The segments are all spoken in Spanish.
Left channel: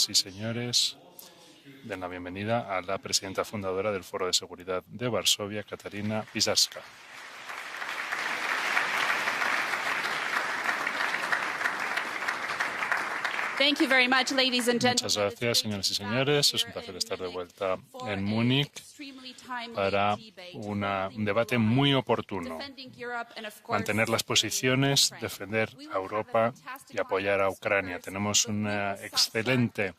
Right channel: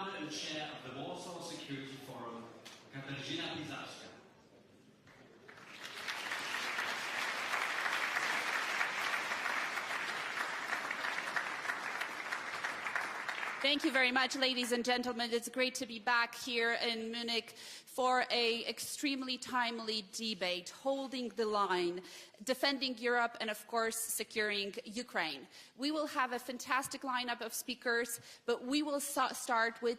Señoras y señores, den la bienvenida a la presidenta fundadora del Foro de Seguridad de Varsovia, Katarina Pisarska. Muchas gracias, señoras y señores. Es un placer estar de vuelta en Múnich para un debate muy oportuno. Mantener las posiciones, defender a Europa y apoyar a Ucrania. Tenemos una excelente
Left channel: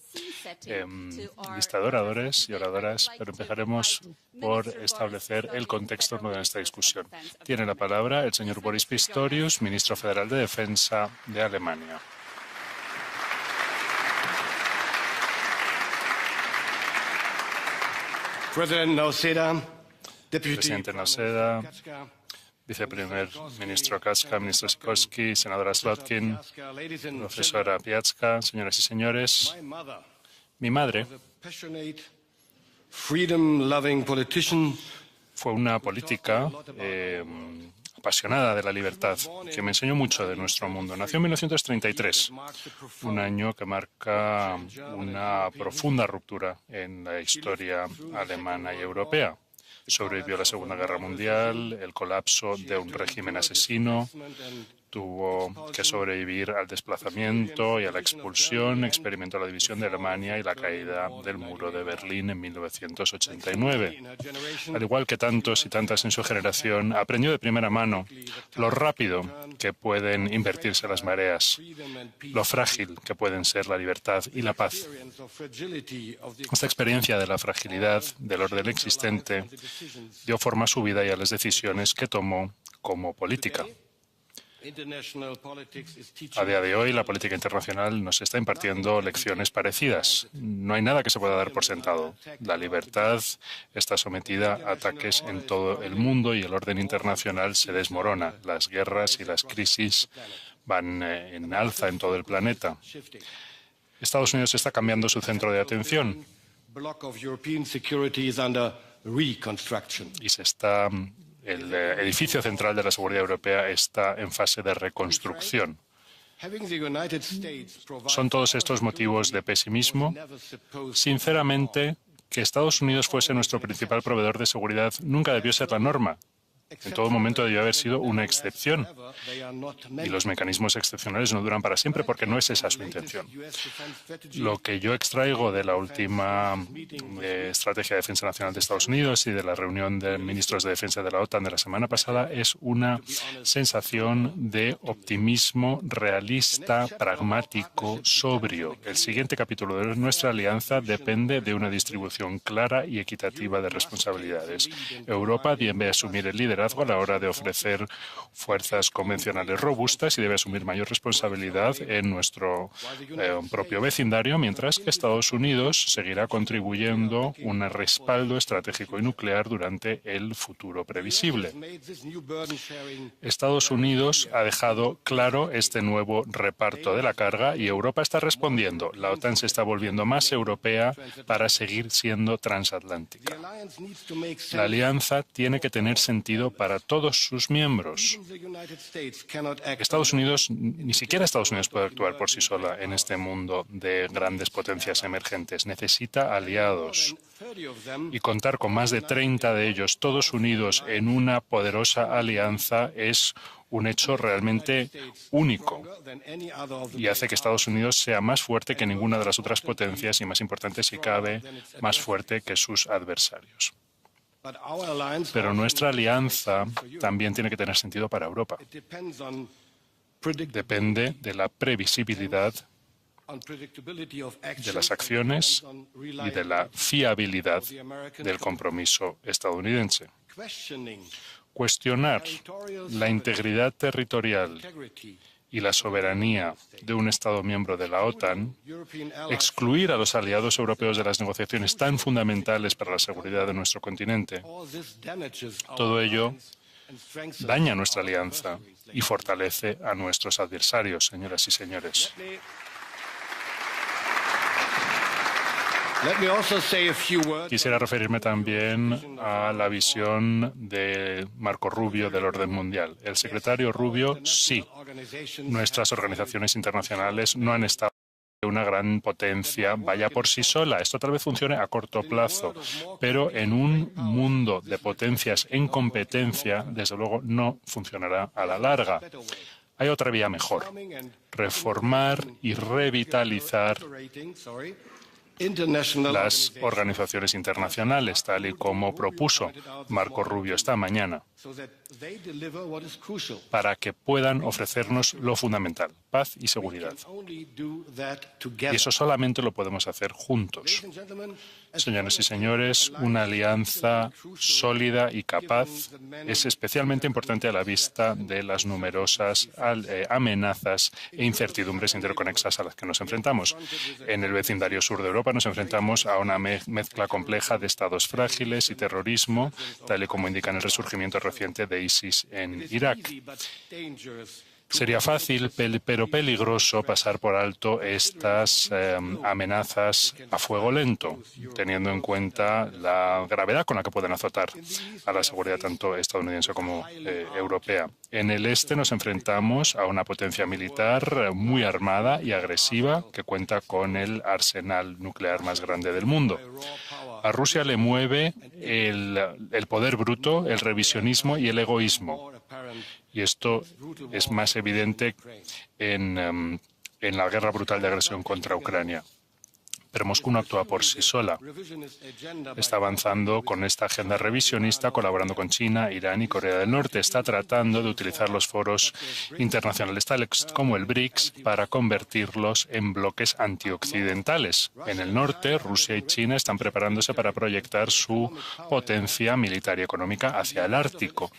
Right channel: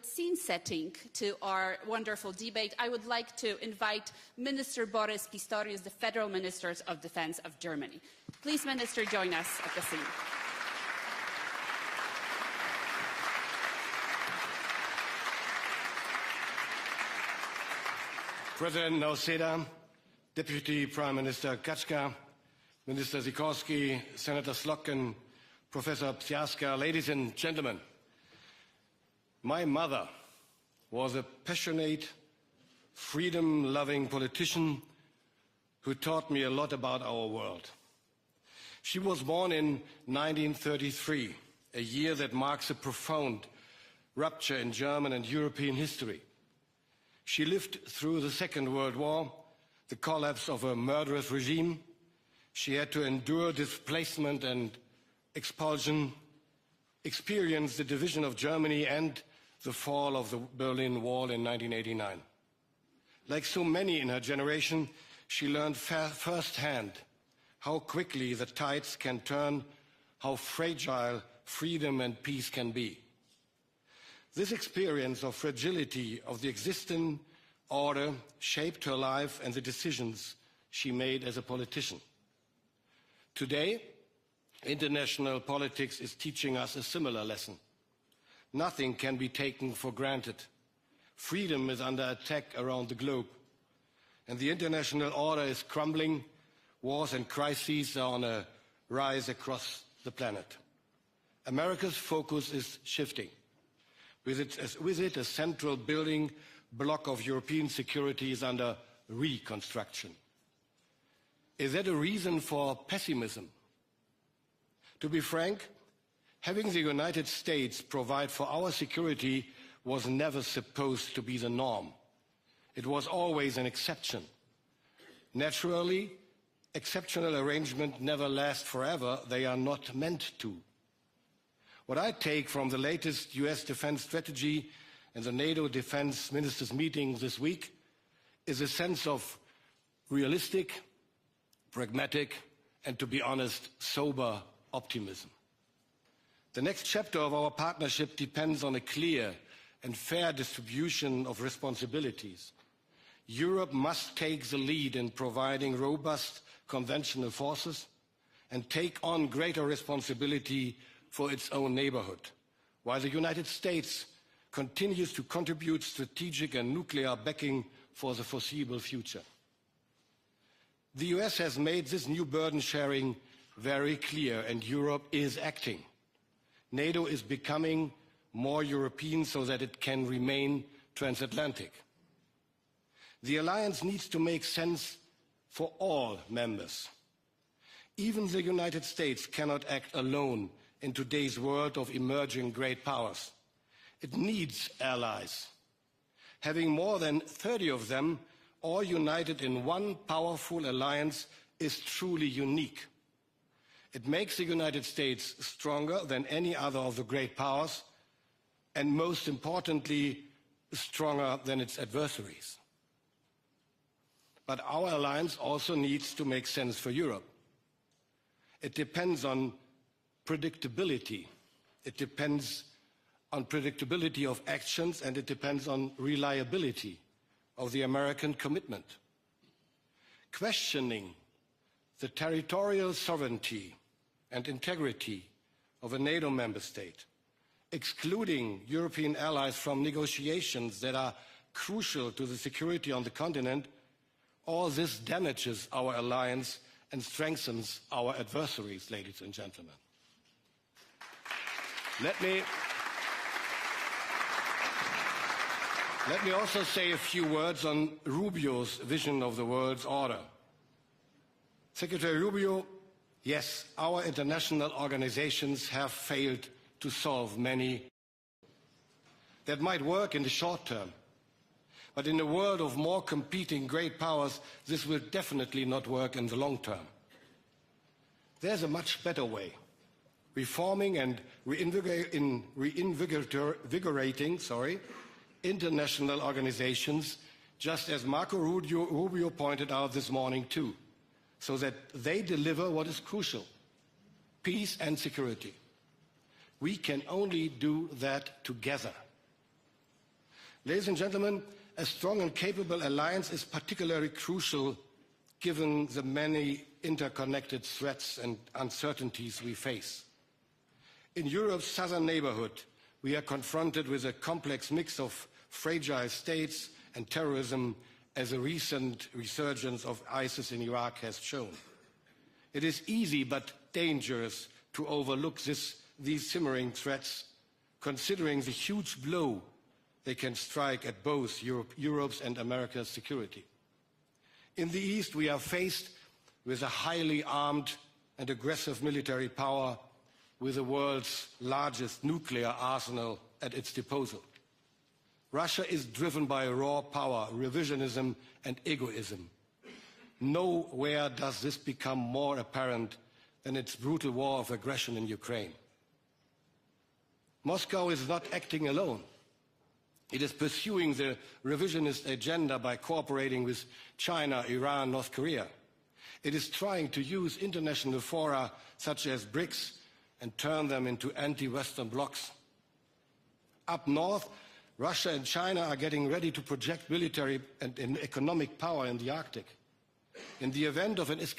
lista de oradores y oradoras, pero empezaremos por establecer el contexto de esta discusión. Tiene la palabra el señor Boris Pistorius, ministro federal de Defensa de Alemania. Presidente Noseda, viceprimer ministro Kaczka, ministro Sikorski, senadora Slotkin, profesora Piazka, señoras y señores. Mi madre fue una política apasionada de la libertad, que me enseñó mucho de nuestro mundo. Nació en 1933, un año que marca una profunda ruptura en la historia alemana y europea. Sobrevivió la Segunda Guerra Mundial, el colapso de un régimen asesino, tuvo que sobrevivir al desplazamiento y a la expulsión, experimentó la división de Alemania y la caída del muro de Berlín en 1989. Al igual que tantos y tantas en su generación, aprendió de primera mano lo rápido que pueden invertirse las mareas, lo frágil que pueden ser la libertad y la paz. Esta experiencia de la fragilidad del orden existente dio forma a su vida y a las decisiones que tomó como política. A día de hoy, la política internacional nos está impartiendo lecciones parecidas. No hay nada que se pueda dar por sentado. La libertad está sometida a ataques en todo el mundo y el orden internacional se desmorona. Las guerras y las crisis van en alza en todo el planeta. Estados Unidos está cambiando su centro de atención y el edificio central de la seguridad europea está en fase de reconstrucción. ¿Son todos estos motivos de pesimismo? Sinceramente, que Estados Unidos fuese nuestro principal proveedor de seguridad nunca debió ser la norma. En todo momento debió haber sido una excepción. Y los mecanismos excepcionales no duran para siempre porque no es esa su intención. Lo que yo extraigo de la última Estrategia de Defensa Nacional de Estados Unidos y de la reunión de ministros de defensa de la OTAN de la semana pasada es una sensación de optimismo realista, pragmático, sobrio. El siguiente capítulo de nuestra alianza depende de una distribución clara y equitativa de responsabilidades. Europa debe asumir el liderazgo a la hora de ofrecer fuerzas convencionales robustas y debe asumir mayor responsabilidad en nuestro propio vecindario, mientras que Estados Unidos seguirá contribuyendo un respaldo estratégico y nuclear durante el futuro previsible. Estados Unidos ha dejado claro este nuevo reparto de la carga y Europa está respondiendo. La OTAN se está volviendo más europea para seguir siendo transatlántica. La alianza tiene que tener sentido para todos sus miembros. Estados Unidos, ni siquiera Estados Unidos puede actuar por sí sola en este mundo de grandes potencias emergentes. Necesita aliados y contar con más de 30 de ellos, todos unidos en una poderosa alianza, es un hecho realmente único y hace que Estados Unidos sea más fuerte que ninguna de las otras potencias y, más importante si cabe, más fuerte que sus adversarios. Pero nuestra alianza también tiene que tener sentido para Europa. Depende de la previsibilidad de las acciones y de la fiabilidad del compromiso estadounidense. Cuestionar la integridad territorial y la soberanía de un Estado miembro de la OTAN, excluir a los aliados europeos de las negociaciones tan fundamentales para la seguridad de nuestro continente, todo ello daña nuestra alianza y fortalece a nuestros adversarios, señoras y señores. Quisiera referirme también a la visión de Marco Rubio del orden mundial. El secretario Rubio, sí, nuestras organizaciones internacionales no han estado una gran potencia vaya por sí sola. Esto tal vez funcione a corto plazo, pero en un mundo de potencias en competencia, desde luego, no funcionará a la larga. Hay otra vía mejor: reformar y revitalizar las organizaciones internacionales, tal y como propuso Marco Rubio esta mañana, para que puedan ofrecernos lo fundamental: paz y seguridad. Y eso solamente lo podemos hacer juntos. Señoras y señores, una alianza sólida y capaz es especialmente importante a la vista de las numerosas amenazas e incertidumbres interconexas a las que nos enfrentamos. En el vecindario sur de Europa nos enfrentamos a una mezcla compleja de estados frágiles y terrorismo, tal y como indica el resurgimiento reciente de ISIS en Irak. Sería fácil, pero peligroso, pasar por alto estas amenazas a fuego lento, teniendo en cuenta la gravedad con la que pueden azotar a la seguridad tanto estadounidense como europea. En el este nos enfrentamos a una potencia militar muy armada y agresiva que cuenta con el arsenal nuclear más grande del mundo. A Rusia le mueve el poder bruto, el revisionismo y el egoísmo. Y esto es más evidente en la guerra brutal de agresión contra Ucrania. Pero Moscú no actúa por sí sola. Está avanzando con esta agenda revisionista, colaborando con China, Irán y Corea del Norte. Está tratando de utilizar los foros internacionales, tales como el BRICS, para convertirlos en bloques antioccidentales. En el norte, Rusia y China están preparándose para proyectar su potencia militar y económica hacia el Ártico.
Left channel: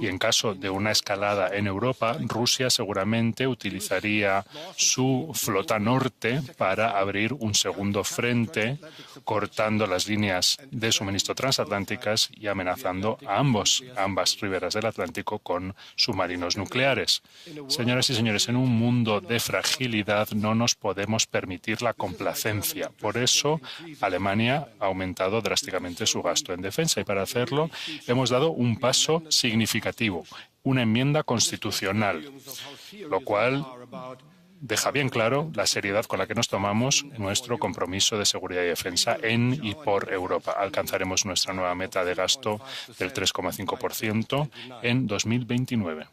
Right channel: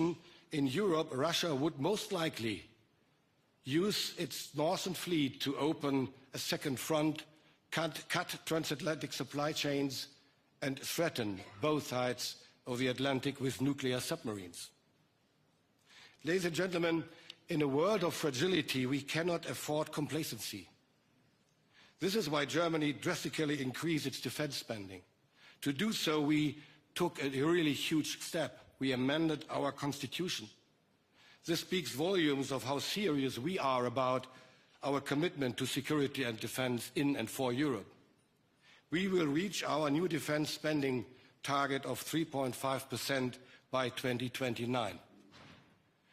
Y en caso de una escalada en Europa, Rusia seguramente utilizaría su flota norte para abrir un segundo frente, cortando las líneas de suministro transatlánticas y amenazando a ambas riberas del Atlántico con submarinos nucleares. Señoras y señores, en un mundo de fragilidad no nos podemos permitir la complacencia. Por eso, Alemania ha aumentado drásticamente su gasto en defensa y para hacerlo hemos dado un paso significativo, una enmienda constitucional, lo cual deja bien claro la seriedad con la que nos tomamos nuestro compromiso de seguridad y defensa en y por Europa. Alcanzaremos nuestra nueva meta de gasto del 3,5% en 2029.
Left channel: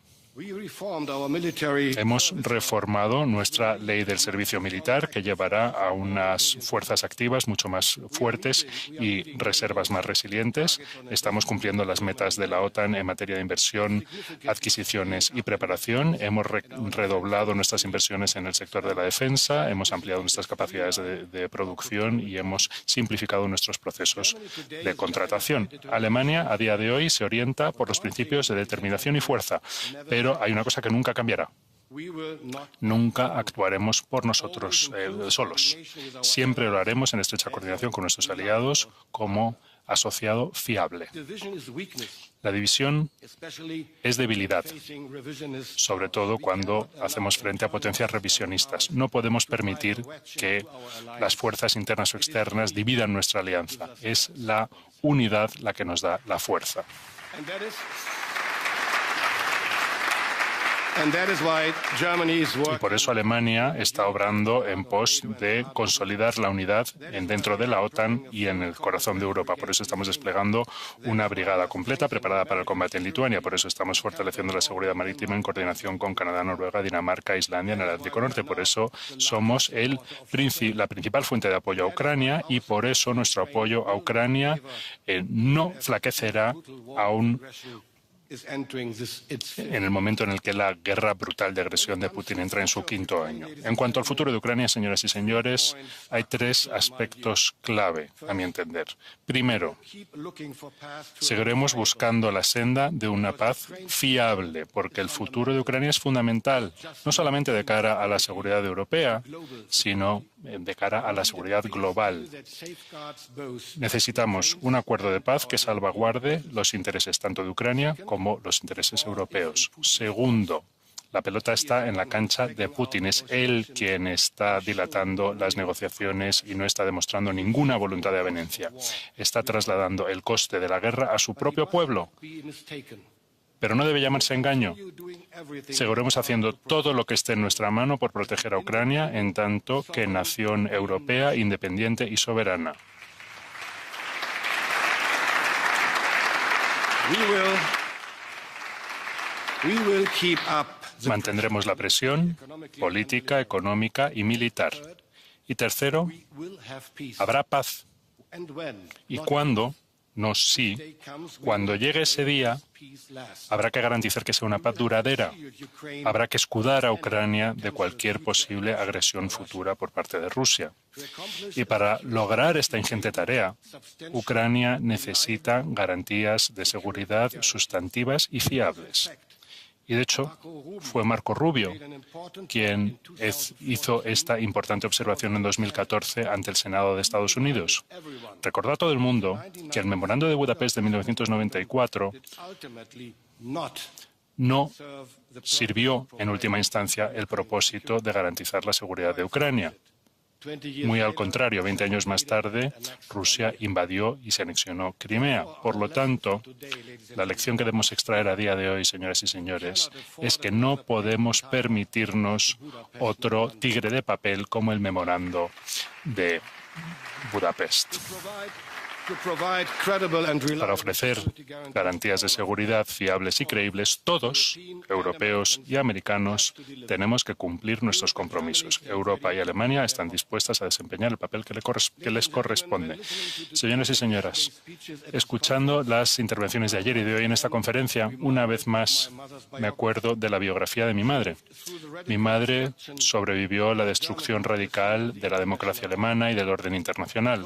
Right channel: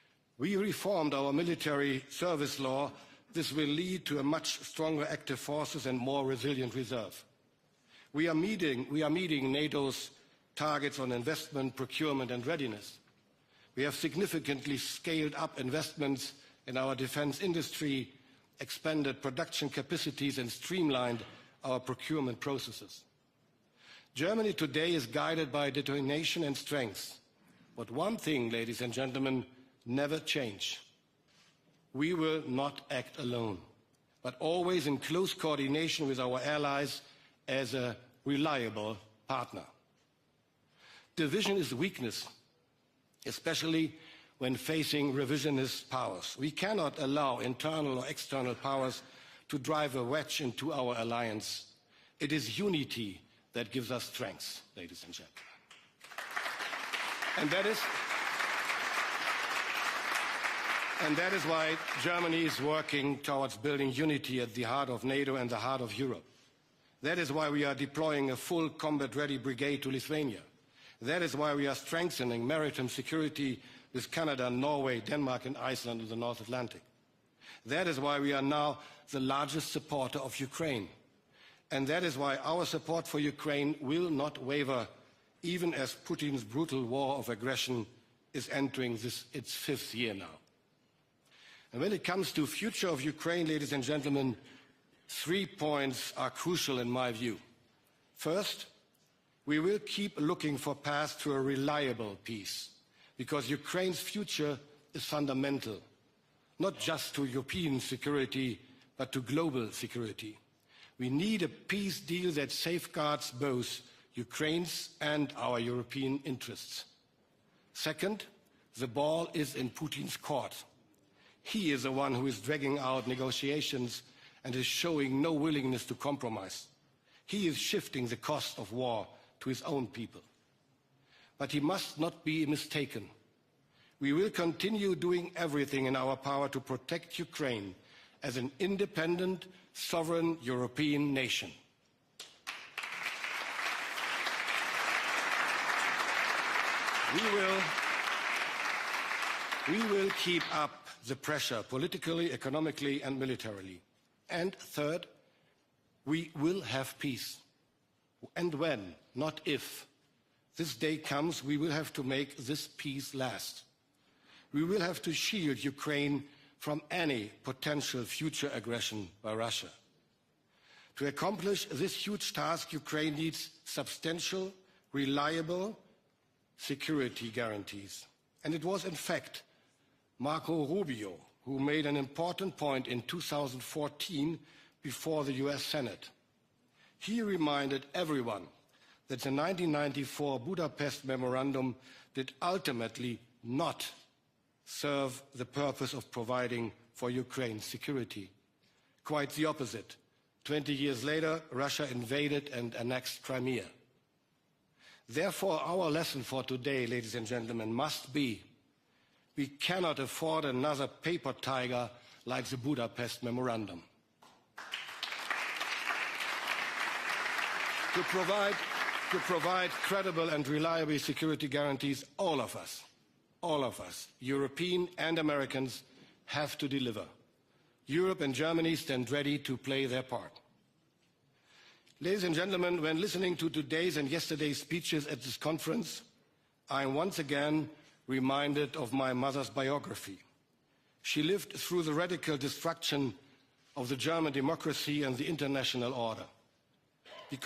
Hemos reformado nuestra ley del servicio militar, que llevará a unas fuerzas activas mucho más fuertes y reservas más resilientes. Estamos cumpliendo las metas de la OTAN en materia de inversión, adquisiciones y preparación. Hemos redoblado nuestras inversiones en el sector de la defensa, hemos ampliado nuestras capacidades de producción y hemos simplificado nuestros procesos de contratación. Alemania, a día de hoy, se orienta por los principios de determinación y fuerza, pero hay una cosa que nunca cambiará. Nunca actuaremos por nosotros solos. Siempre lo haremos en estrecha coordinación con nuestros aliados como asociado fiable. La división es debilidad, sobre todo cuando hacemos frente a potencias revisionistas. No podemos permitir que las fuerzas internas o externas dividan nuestra alianza. Es la unidad la que nos da la fuerza. Y por eso Alemania está obrando en pos de consolidar la unidad dentro de la OTAN y en el corazón de Europa. Por eso estamos desplegando una brigada completa preparada para el combate en Lituania. Por eso estamos fortaleciendo la seguridad marítima en coordinación con Canadá, Noruega, Dinamarca e Islandia en el Ártico Norte. Por eso somos la principal fuente de apoyo a Ucrania y por eso nuestro apoyo a Ucrania no flaquecerá aún en el momento en el que la guerra brutal de agresión de Putin entra en su quinto año. En cuanto al futuro de Ucrania, señoras y señores, hay tres aspectos clave, a mi entender. Primero, seguiremos buscando la senda de una paz fiable, porque el futuro de Ucrania es fundamental, no solamente de cara a la seguridad europea, sino de cara a la seguridad global. Necesitamos un acuerdo de paz que salvaguarde los intereses tanto de Ucrania como los intereses europeos. Segundo, la pelota está en la cancha de Putin. Es él quien está dilatando las negociaciones y no está demostrando ninguna voluntad de avenencia. Está trasladando el coste de la guerra a su propio pueblo. Pero no debe llamarse engaño. Seguiremos haciendo todo lo que esté en nuestra mano por proteger a Ucrania en tanto que nación europea, independiente y soberana. Mantendremos la presión política, económica y militar. Y tercero, habrá paz. Y cuando, no si, cuando llegue ese día, habrá que garantizar que sea una paz duradera. Habrá que escudar a Ucrania de cualquier posible agresión futura por parte de Rusia. Y para lograr esta ingente tarea, Ucrania necesita garantías de seguridad sustantivas y fiables. Y de hecho, fue Marco Rubio quien hizo esta importante observación en 2014 ante el Senado de Estados Unidos. Recordó a todo el mundo que el Memorando de Budapest de 1994 no sirvió en última instancia el propósito de garantizar la seguridad de Ucrania. Muy al contrario, 20 años más tarde, Rusia invadió y se anexionó Crimea. Por lo tanto, la lección que debemos extraer a día de hoy, señoras y señores, es que no podemos permitirnos otro tigre de papel como el memorando de Budapest. Para ofrecer garantías de seguridad fiables y creíbles, todos, europeos y americanos, tenemos que cumplir nuestros compromisos. Europa y Alemania están dispuestas a desempeñar el papel que les corresponde. Señores y señoras, escuchando las intervenciones de ayer y de hoy en esta conferencia, una vez más me acuerdo de la biografía de mi madre. Mi madre sobrevivió a la destrucción radical de la democracia alemana y del orden internacional,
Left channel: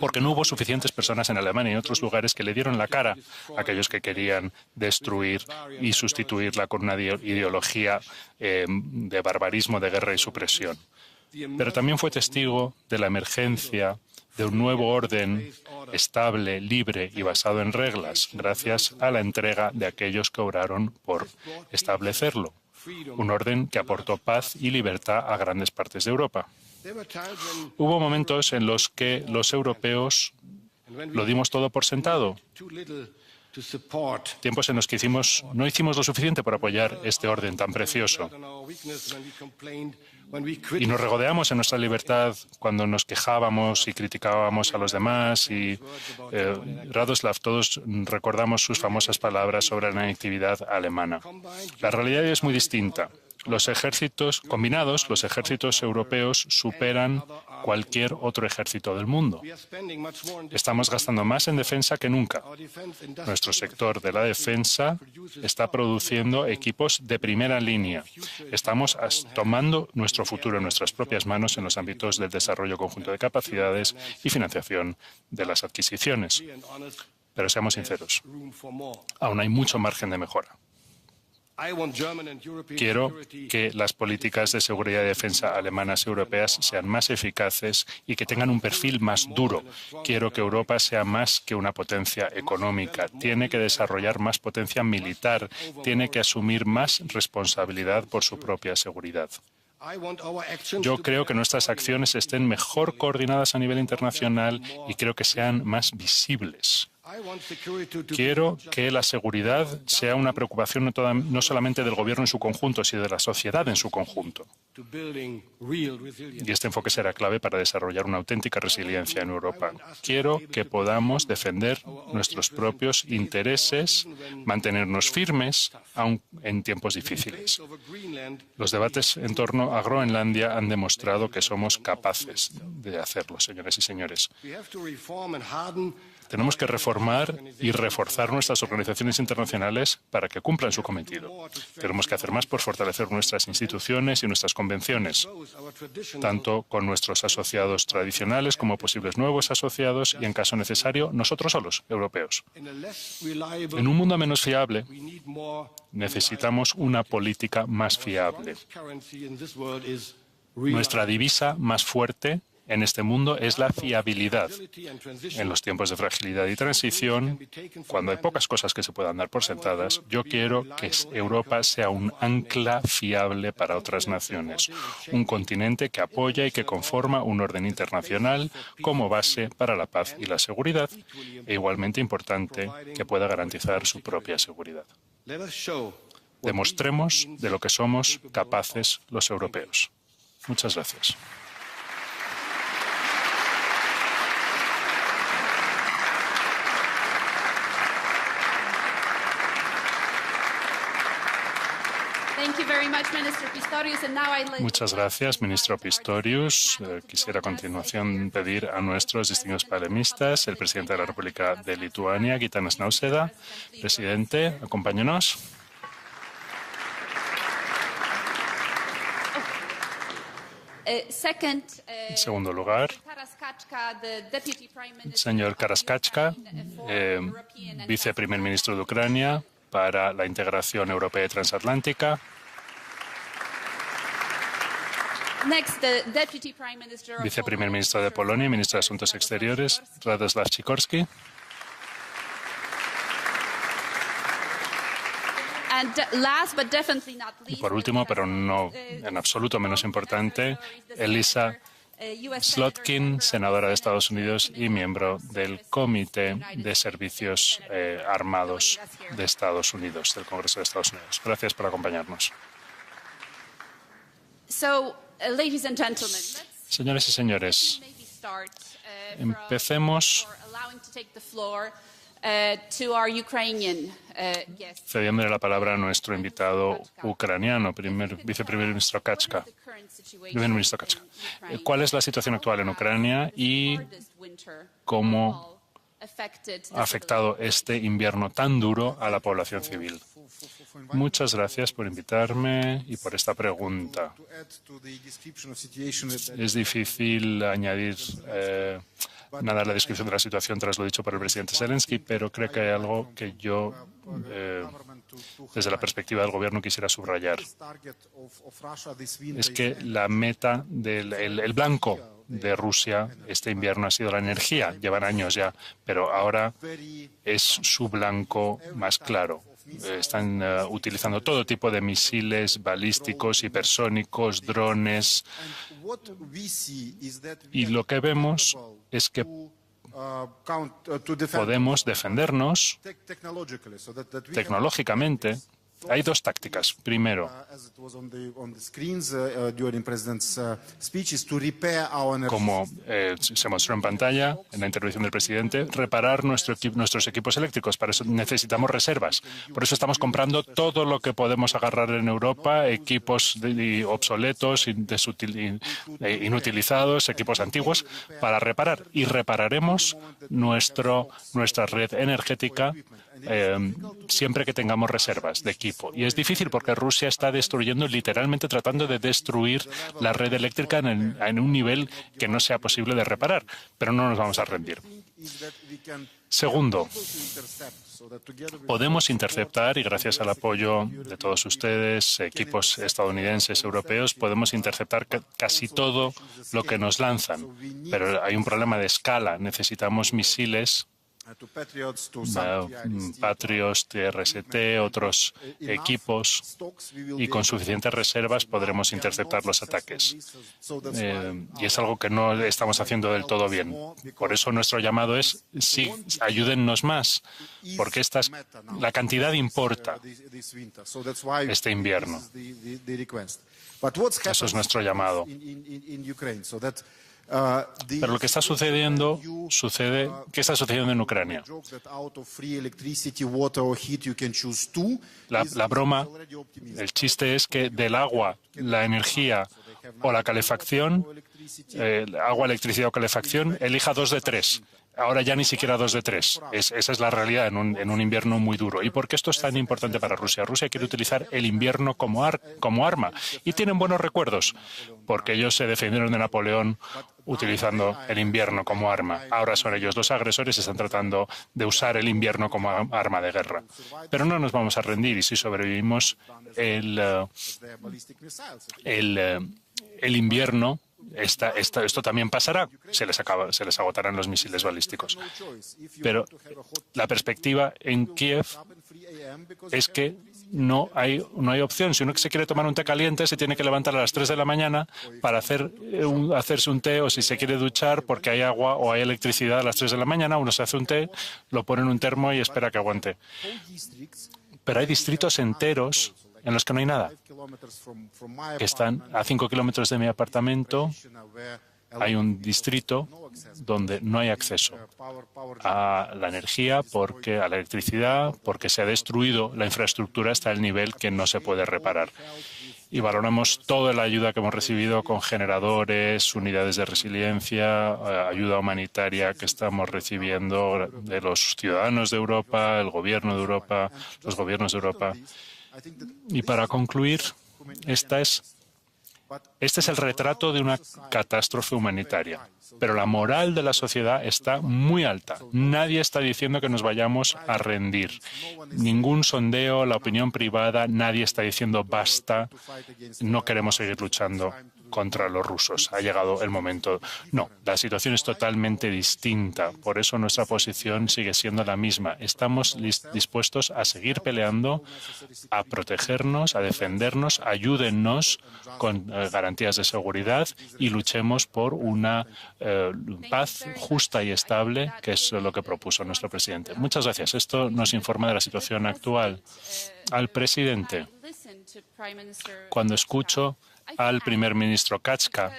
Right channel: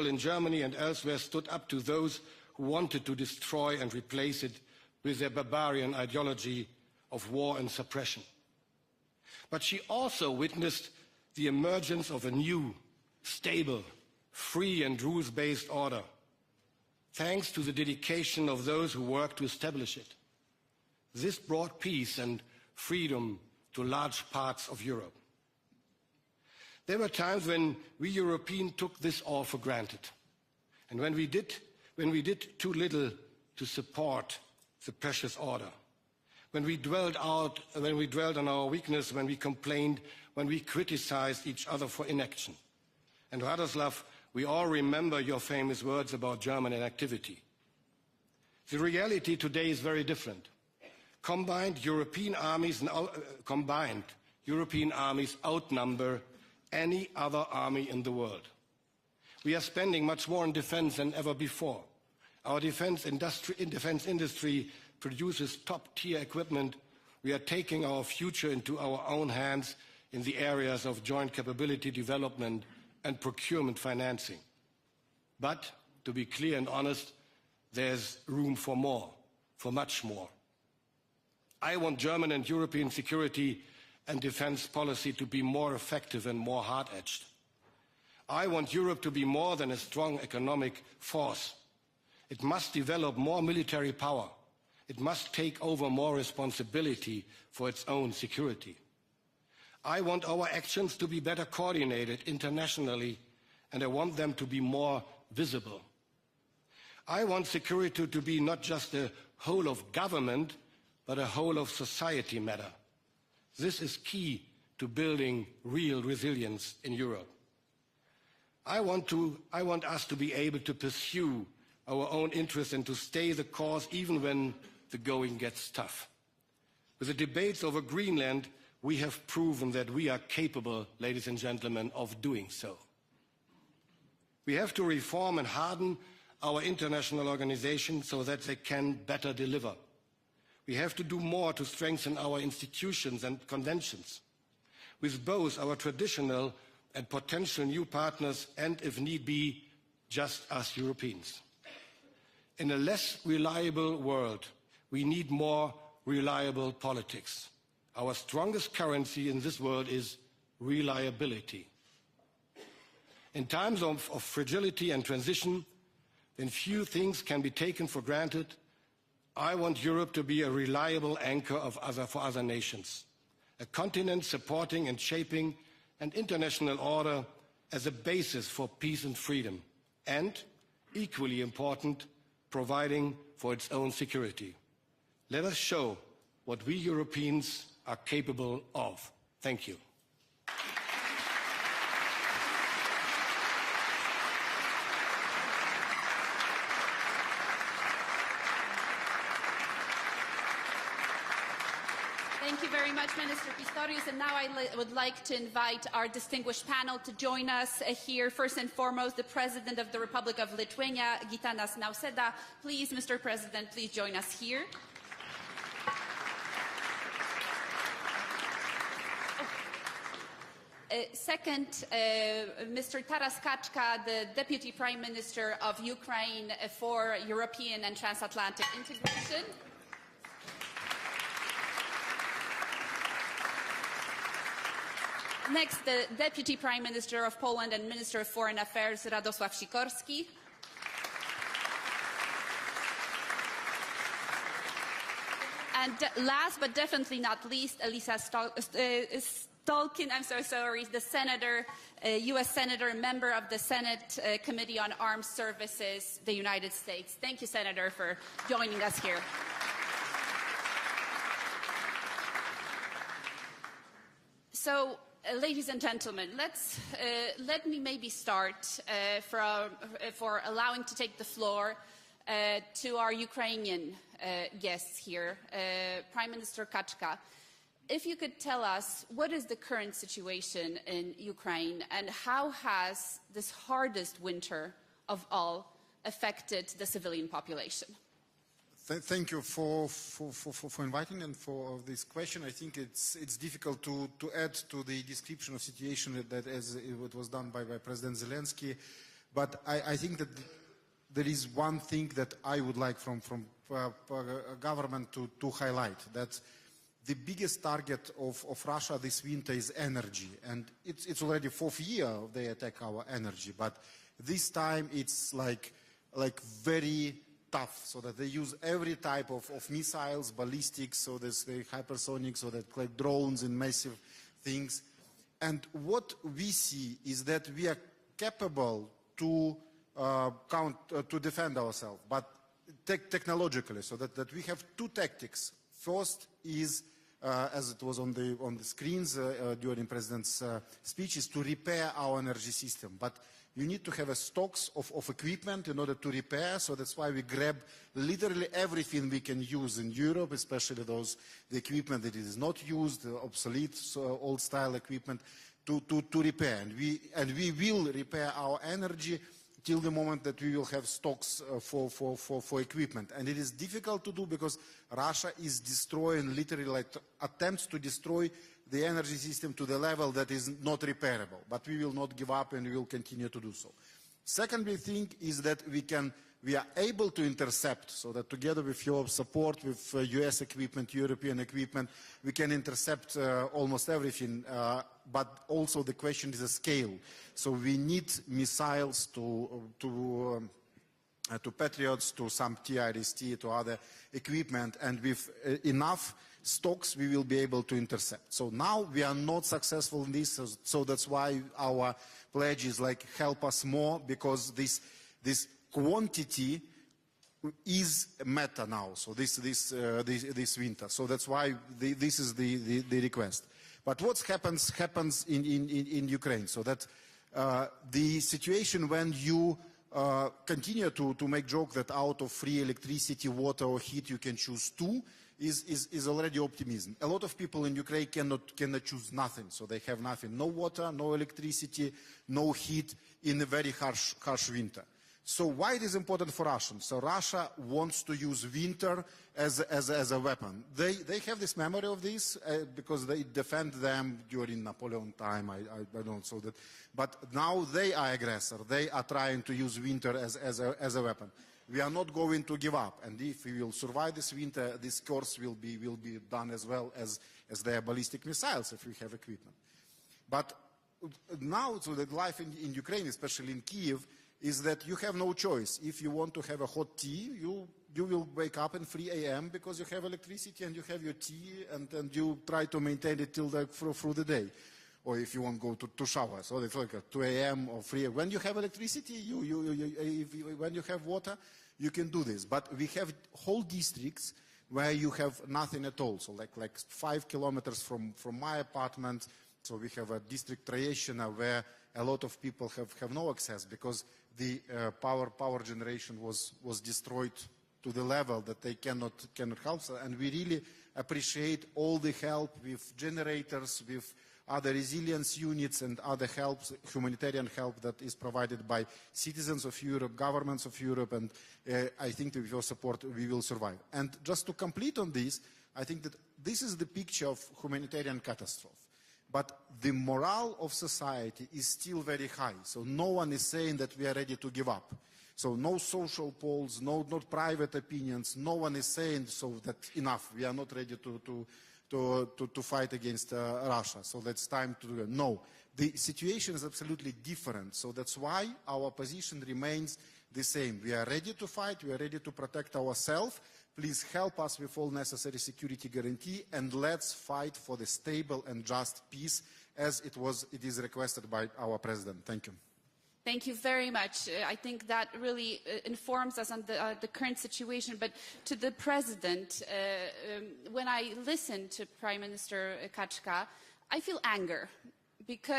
porque no hubo suficientes personas en Alemania y en otros lugares que le dieron la cara a aquellos que querían destruir y sustituirla con una ideología de barbarismo, de guerra y supresión. Pero también fue testigo de la emergencia de un nuevo orden estable, libre y basado en reglas, gracias a la entrega de aquellos que obraron por establecerlo. Un orden que aportó paz y libertad a grandes partes de Europa. Hubo momentos en los que los europeos lo dimos todo por sentado. Tiempos en los que no hicimos lo suficiente por apoyar este orden tan precioso. Y nos regodeamos en nuestra libertad cuando nos quejábamos y criticábamos a los demás. Y Radoslav, todos recordamos sus famosas palabras sobre la natividad alemana. La realidad es muy distinta. Los ejércitos combinados, los ejércitos europeos, superan cualquier otro ejército del mundo. Estamos gastando más en defensa que nunca. Nuestro sector de la defensa está produciendo equipos de primera línea. Estamos tomando nuestro futuro en nuestras propias manos en los ámbitos del desarrollo conjunto de capacidades y financiación de las adquisiciones. Pero seamos sinceros, aún hay mucho margen de mejora. Quiero que las políticas de seguridad y defensa alemanas y europeas sean más eficaces y que tengan un perfil más duro. Quiero que Europa sea más que una potencia económica. Tiene que desarrollar más potencia militar. Tiene que asumir más responsabilidad por su propia seguridad. Yo creo que nuestras acciones estén mejor coordinadas a nivel internacional y creo que sean más visibles. Quiero que la seguridad sea una preocupación no solamente del gobierno en su conjunto, sino de la sociedad en su conjunto. Y este enfoque será clave para desarrollar una auténtica resiliencia en Europa. Quiero que podamos defender nuestros propios intereses, mantenernos firmes, aun en tiempos difíciles. Los debates en torno a Groenlandia han demostrado que somos capaces de hacerlo, señoras y señores. Tenemos que reformar y reforzar nuestras organizaciones internacionales para que cumplan su cometido. Tenemos que hacer más por fortalecer nuestras instituciones y nuestras convenciones, tanto con nuestros asociados tradicionales como posibles nuevos asociados y, en caso necesario, nosotros solos, europeos. En un mundo menos fiable, necesitamos una política más fiable. Nuestra divisa más fuerte en este mundo es la fiabilidad. En los tiempos de fragilidad y transición, cuando hay pocas cosas que se puedan dar por sentadas, yo quiero que Europa sea un ancla fiable para otras naciones, un continente que apoya y que conforma un orden internacional como base para la paz y la seguridad, e igualmente importante, que pueda garantizar su propia seguridad. Demostremos de lo que somos capaces los europeos. Muchas gracias. Muchas gracias, ministro Pistorius. Quisiera a continuación pedir a nuestros distinguidos panelistas, el presidente de la República de Lituania, Gitanas Nausėda. Presidente, acompáñenos. En segundo lugar, el señor Karaskachka, viceprimer ministro de Ucrania para la integración europea y transatlántica. Viceprimer ministro de Polonia y ministro de Asuntos Exteriores, Radoslav Sikorski. Y por último, pero no en absoluto menos importante, Elisa Slotkin, senadora de Estados Unidos y miembro del Comité de Servicios Armados de Estados Unidos, del Congreso de Estados Unidos. Gracias por acompañarnos. Señoras y señores, empecemos cediéndole la palabra a nuestro invitado ucraniano, viceprimer ministro Kachka. ¿Cuál es la situación actual en Ucrania y cómo ha afectado este invierno tan duro a la población civil? Muchas gracias por invitarme y por esta pregunta. Es difícil añadir nada a la descripción de la situación tras lo dicho por el presidente Zelensky, pero creo que hay algo que yo, desde la perspectiva del Gobierno, quisiera subrayar. Es que la meta, el blanco de Rusia este invierno ha sido la energía. Llevan años ya, pero ahora es su blanco más claro. Están utilizando todo tipo de misiles balísticos, hipersónicos, drones. Y lo que vemos es que podemos defendernos tecnológicamente. Hay dos tácticas. Primero, como se mostró en pantalla en la intervención del presidente, reparar nuestros equipos eléctricos. Para eso necesitamos reservas. Por eso estamos comprando todo lo que podemos agarrar en Europa, equipos obsoletos, inutilizados, equipos antiguos, para reparar. Y repararemos nuestra red energética siempre que tengamos reservas de equipo. Y es difícil porque Rusia está destruyendo, literalmente tratando de destruir la red eléctrica en un nivel que no sea posible de reparar. Pero no nos vamos a rendir. Segundo, podemos interceptar, y gracias al apoyo de todos ustedes, equipos estadounidenses, europeos, podemos interceptar casi todo lo que nos lanzan. Pero hay un problema de escala. Necesitamos misiles Patriot, TRST, otros equipos, y con suficientes reservas podremos interceptar los ataques. Y es algo que no estamos haciendo del todo bien. Por eso nuestro llamado es, sí, ayúdennos más, porque la cantidad importa este invierno. Eso es nuestro llamado. Pero lo que está sucediendo, ¿qué está sucediendo en Ucrania? La broma, el chiste es que del agua, la energía o la calefacción, agua, electricidad o calefacción, elija 2 de 3. Ahora ya ni siquiera 2 de 3. Esa es la realidad en un invierno muy duro. ¿Y por qué esto es tan importante para Rusia? Rusia quiere utilizar el invierno como arma. Y tienen buenos recuerdos, porque ellos se defendieron de Napoleón utilizando el invierno como arma. Ahora son ellos los agresores y están tratando de usar el invierno como arma de guerra. Pero no nos vamos a rendir, y si sobrevivimos el invierno, esto también pasará, se les agotarán los misiles balísticos. Pero la perspectiva en Kiev es que no hay opción. Si uno se quiere tomar un té caliente, se tiene que levantar a las 3 de la mañana para hacerse un té, o si se quiere duchar porque hay agua o hay electricidad a las 3 de la mañana, uno se hace un té, lo pone en un termo y espera que aguante. Pero hay distritos enteros en los que no hay nada, que están a 5 kilómetros de mi apartamento. Hay un distrito donde no hay acceso a la energía, a la electricidad, porque se ha destruido la infraestructura hasta el nivel que no se puede reparar. Y valoramos toda la ayuda que hemos recibido con generadores, unidades de resiliencia, ayuda humanitaria que estamos recibiendo de los ciudadanos de Europa, el gobierno de Europa, los gobiernos de Europa. Y para concluir, este es el retrato de una catástrofe humanitaria, pero la moral de la sociedad está muy alta. Nadie está diciendo que nos vayamos a rendir. Ningún sondeo, la opinión privada, nadie está diciendo basta, no queremos seguir luchando contra los rusos. Ha llegado el momento. No, la situación es totalmente distinta. Por eso nuestra posición sigue siendo la misma. Estamos dispuestos a seguir peleando, a protegernos, a defendernos. Ayúdennos con garantías de seguridad y luchemos por una paz justa y estable, que es lo que propuso nuestro presidente. Muchas gracias. Esto nos informa de la situación actual. Al presidente, cuando escucho al primer ministro Kachka,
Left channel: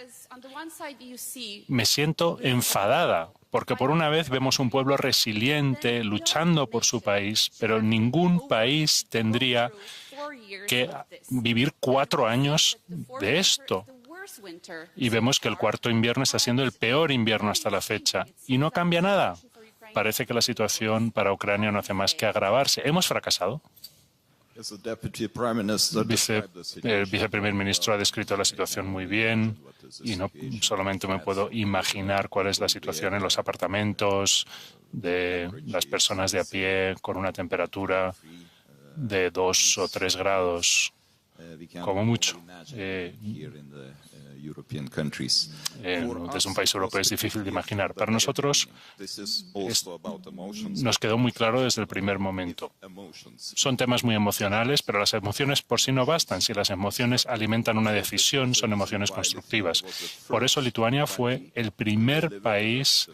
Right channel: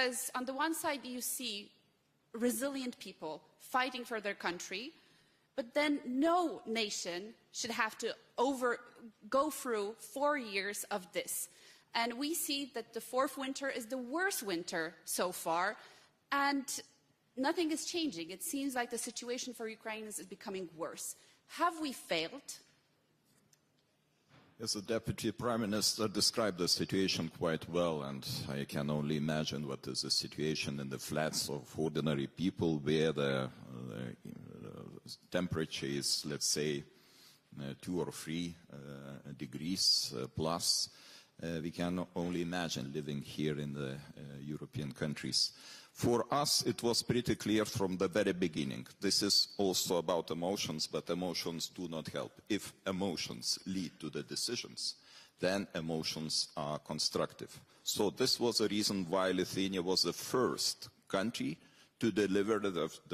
me siento enfadada, porque por una vez vemos un pueblo resiliente luchando por su país, pero ningún país tendría que vivir 4 años de esto. Y vemos que el cuarto invierno está siendo el peor invierno hasta la fecha. Y no cambia nada. Parece que la situación para Ucrania no hace más que agravarse. ¿Hemos fracasado? El viceprimer ministro ha descrito la situación muy bien y no solamente me puedo imaginar cuál es la situación en los apartamentos de las personas de a pie con una temperatura de 2 o 3 grados, como mucho. Desde un país europeo es difícil de imaginar. Para nosotros nos quedó muy claro desde el primer momento. Son temas muy emocionales, pero las emociones por sí no bastan. Si las emociones alimentan una decisión, son emociones constructivas. Por eso Lituania fue el primer país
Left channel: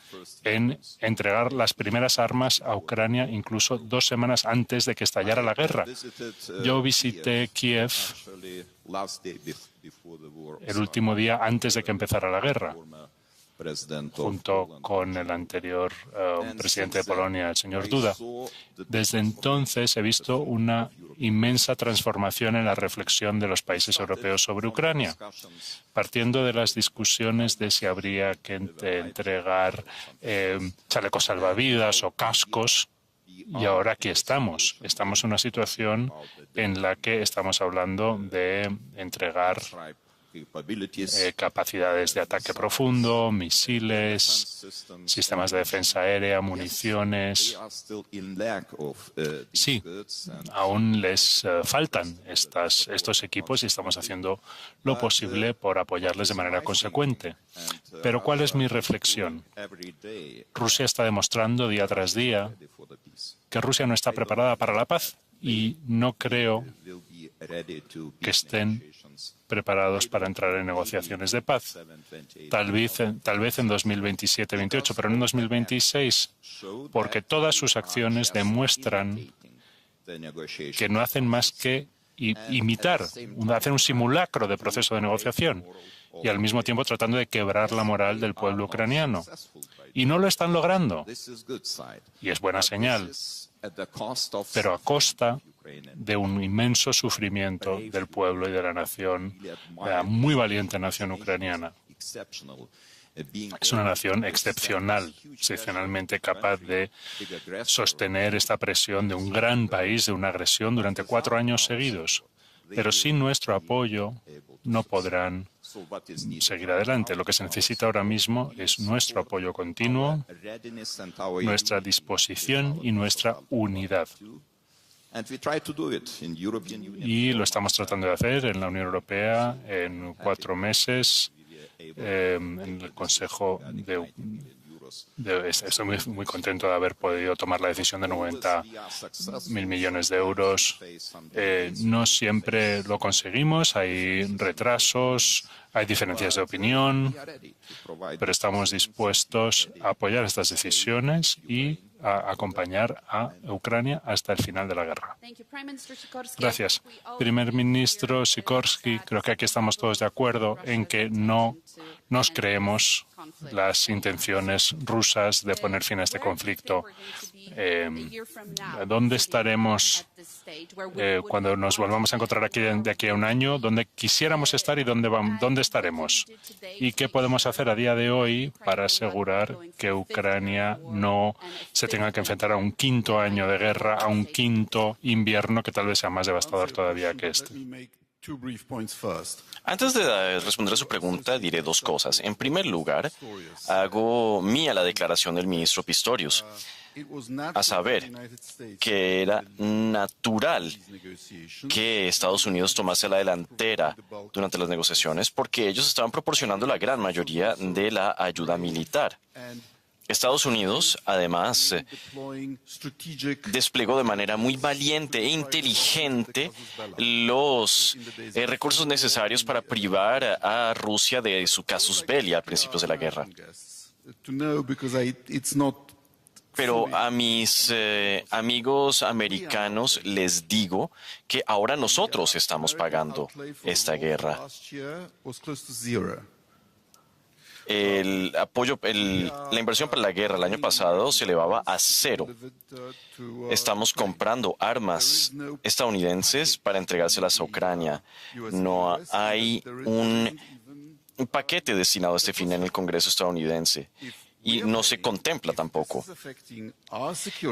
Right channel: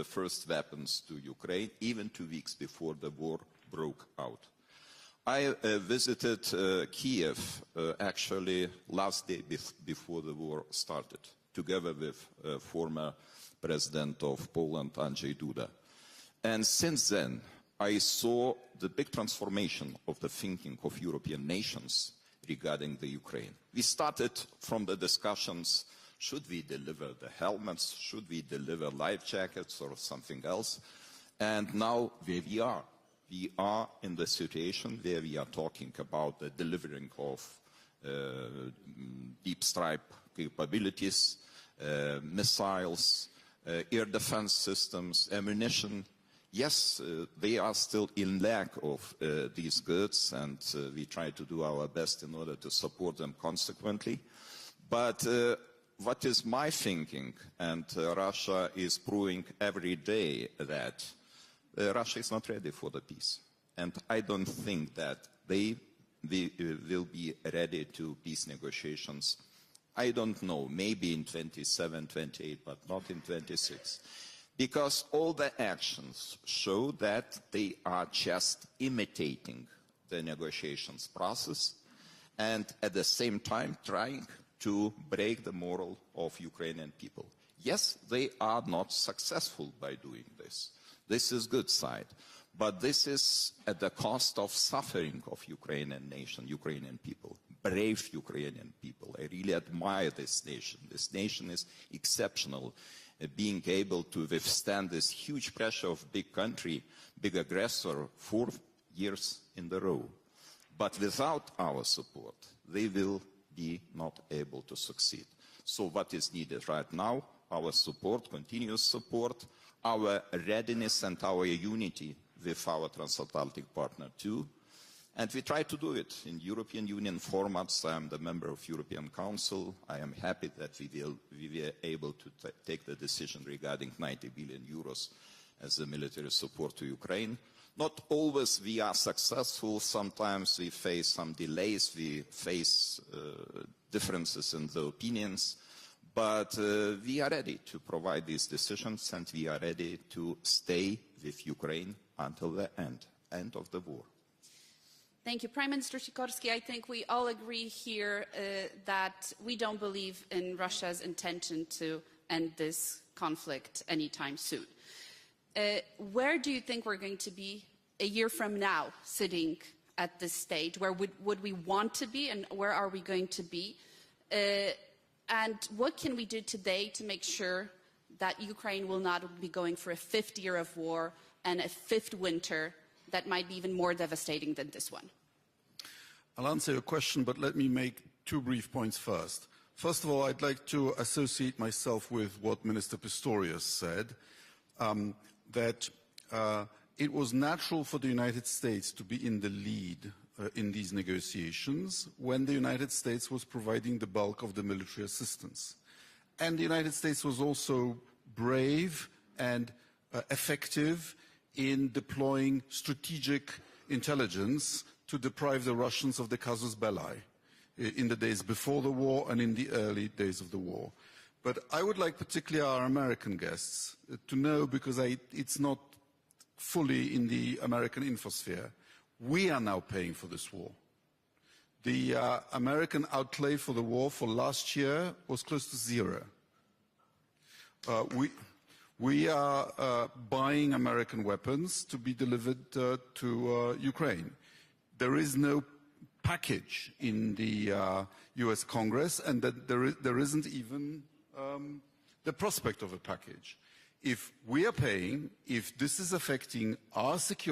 en entregar las primeras armas a Ucrania, incluso 2 semanas antes de que estallara la guerra. Yo visité Kiev el último día antes de que empezara la guerra, junto con el anterior presidente de Polonia, el señor Duda. Desde entonces he visto una inmensa transformación en la reflexión de los países europeos sobre Ucrania, partiendo de las discusiones de si habría que entregar chalecos salvavidas o cascos. Y ahora aquí estamos. Estamos en una situación en la que estamos hablando de entregar capacidades de ataque profundo, misiles, sistemas de defensa aérea, municiones. Sí, aún les faltan estos equipos y estamos haciendo lo posible por apoyarles de manera consecuente. Pero ¿cuál es mi reflexión? Rusia está demostrando día tras día que Rusia no está preparada para la paz y no creo que estén preparados para entrar en negociaciones de paz. Tal vez en 2027-28, pero no en 2026, porque todas sus acciones demuestran que no hacen más que imitar, hacer un simulacro de proceso de negociación y al mismo tiempo tratando de quebrar la moral del pueblo ucraniano. Y no lo están logrando. Y es buena señal, pero a costa de un inmenso sufrimiento del pueblo y de la nación, de la muy valiente nación ucraniana. Es una nación excepcionalmente capaz de sostener esta presión de un gran país, de una agresión durante 4 años seguidos. Pero sin nuestro apoyo no podrán seguir adelante. Lo que se necesita ahora mismo es nuestro apoyo continuo, nuestra disposición y nuestra unidad. Y lo estamos tratando de hacer en la Unión Europea en 4 meses, en el Consejo estoy muy contento de haber podido tomar la decisión de 90.000 millones de euros. No siempre lo conseguimos, hay retrasos, hay diferencias de opinión, pero estamos dispuestos a apoyar estas decisiones y a acompañar a Ucrania hasta el final de la guerra. Gracias. Primer ministro Sikorski, creo que aquí estamos todos de acuerdo en que no nos creemos las intenciones rusas de poner fin a este conflicto. ¿Dónde estaremos cuando nos volvamos a encontrar aquí de aquí a un año? ¿Dónde quisiéramos estar y dónde estaremos? ¿Y qué podemos hacer a día de hoy para asegurar que Ucrania no se tenga que enfrentar a un quinto año de guerra, a un quinto invierno que tal vez sea más devastador todavía que este? Antes de responder a su pregunta, diré 2 cosas. En primer lugar, hago mía la declaración del ministro Pistorius, a saber, que era natural que Estados Unidos tomase la delantera durante las negociaciones porque ellos estaban proporcionando la gran mayoría de la ayuda militar. Estados Unidos, además, desplegó de manera muy valiente e inteligente los recursos necesarios para privar a Rusia de su casus belli a principios de la guerra. Pero a mis amigos americanos les digo que ahora nosotros estamos pagando esta guerra. La inversión para la guerra el año pasado se elevaba a 0. Estamos comprando armas estadounidenses para entregárselas a Ucrania. No hay un paquete destinado a este fin en el Congreso estadounidense y no se contempla tampoco.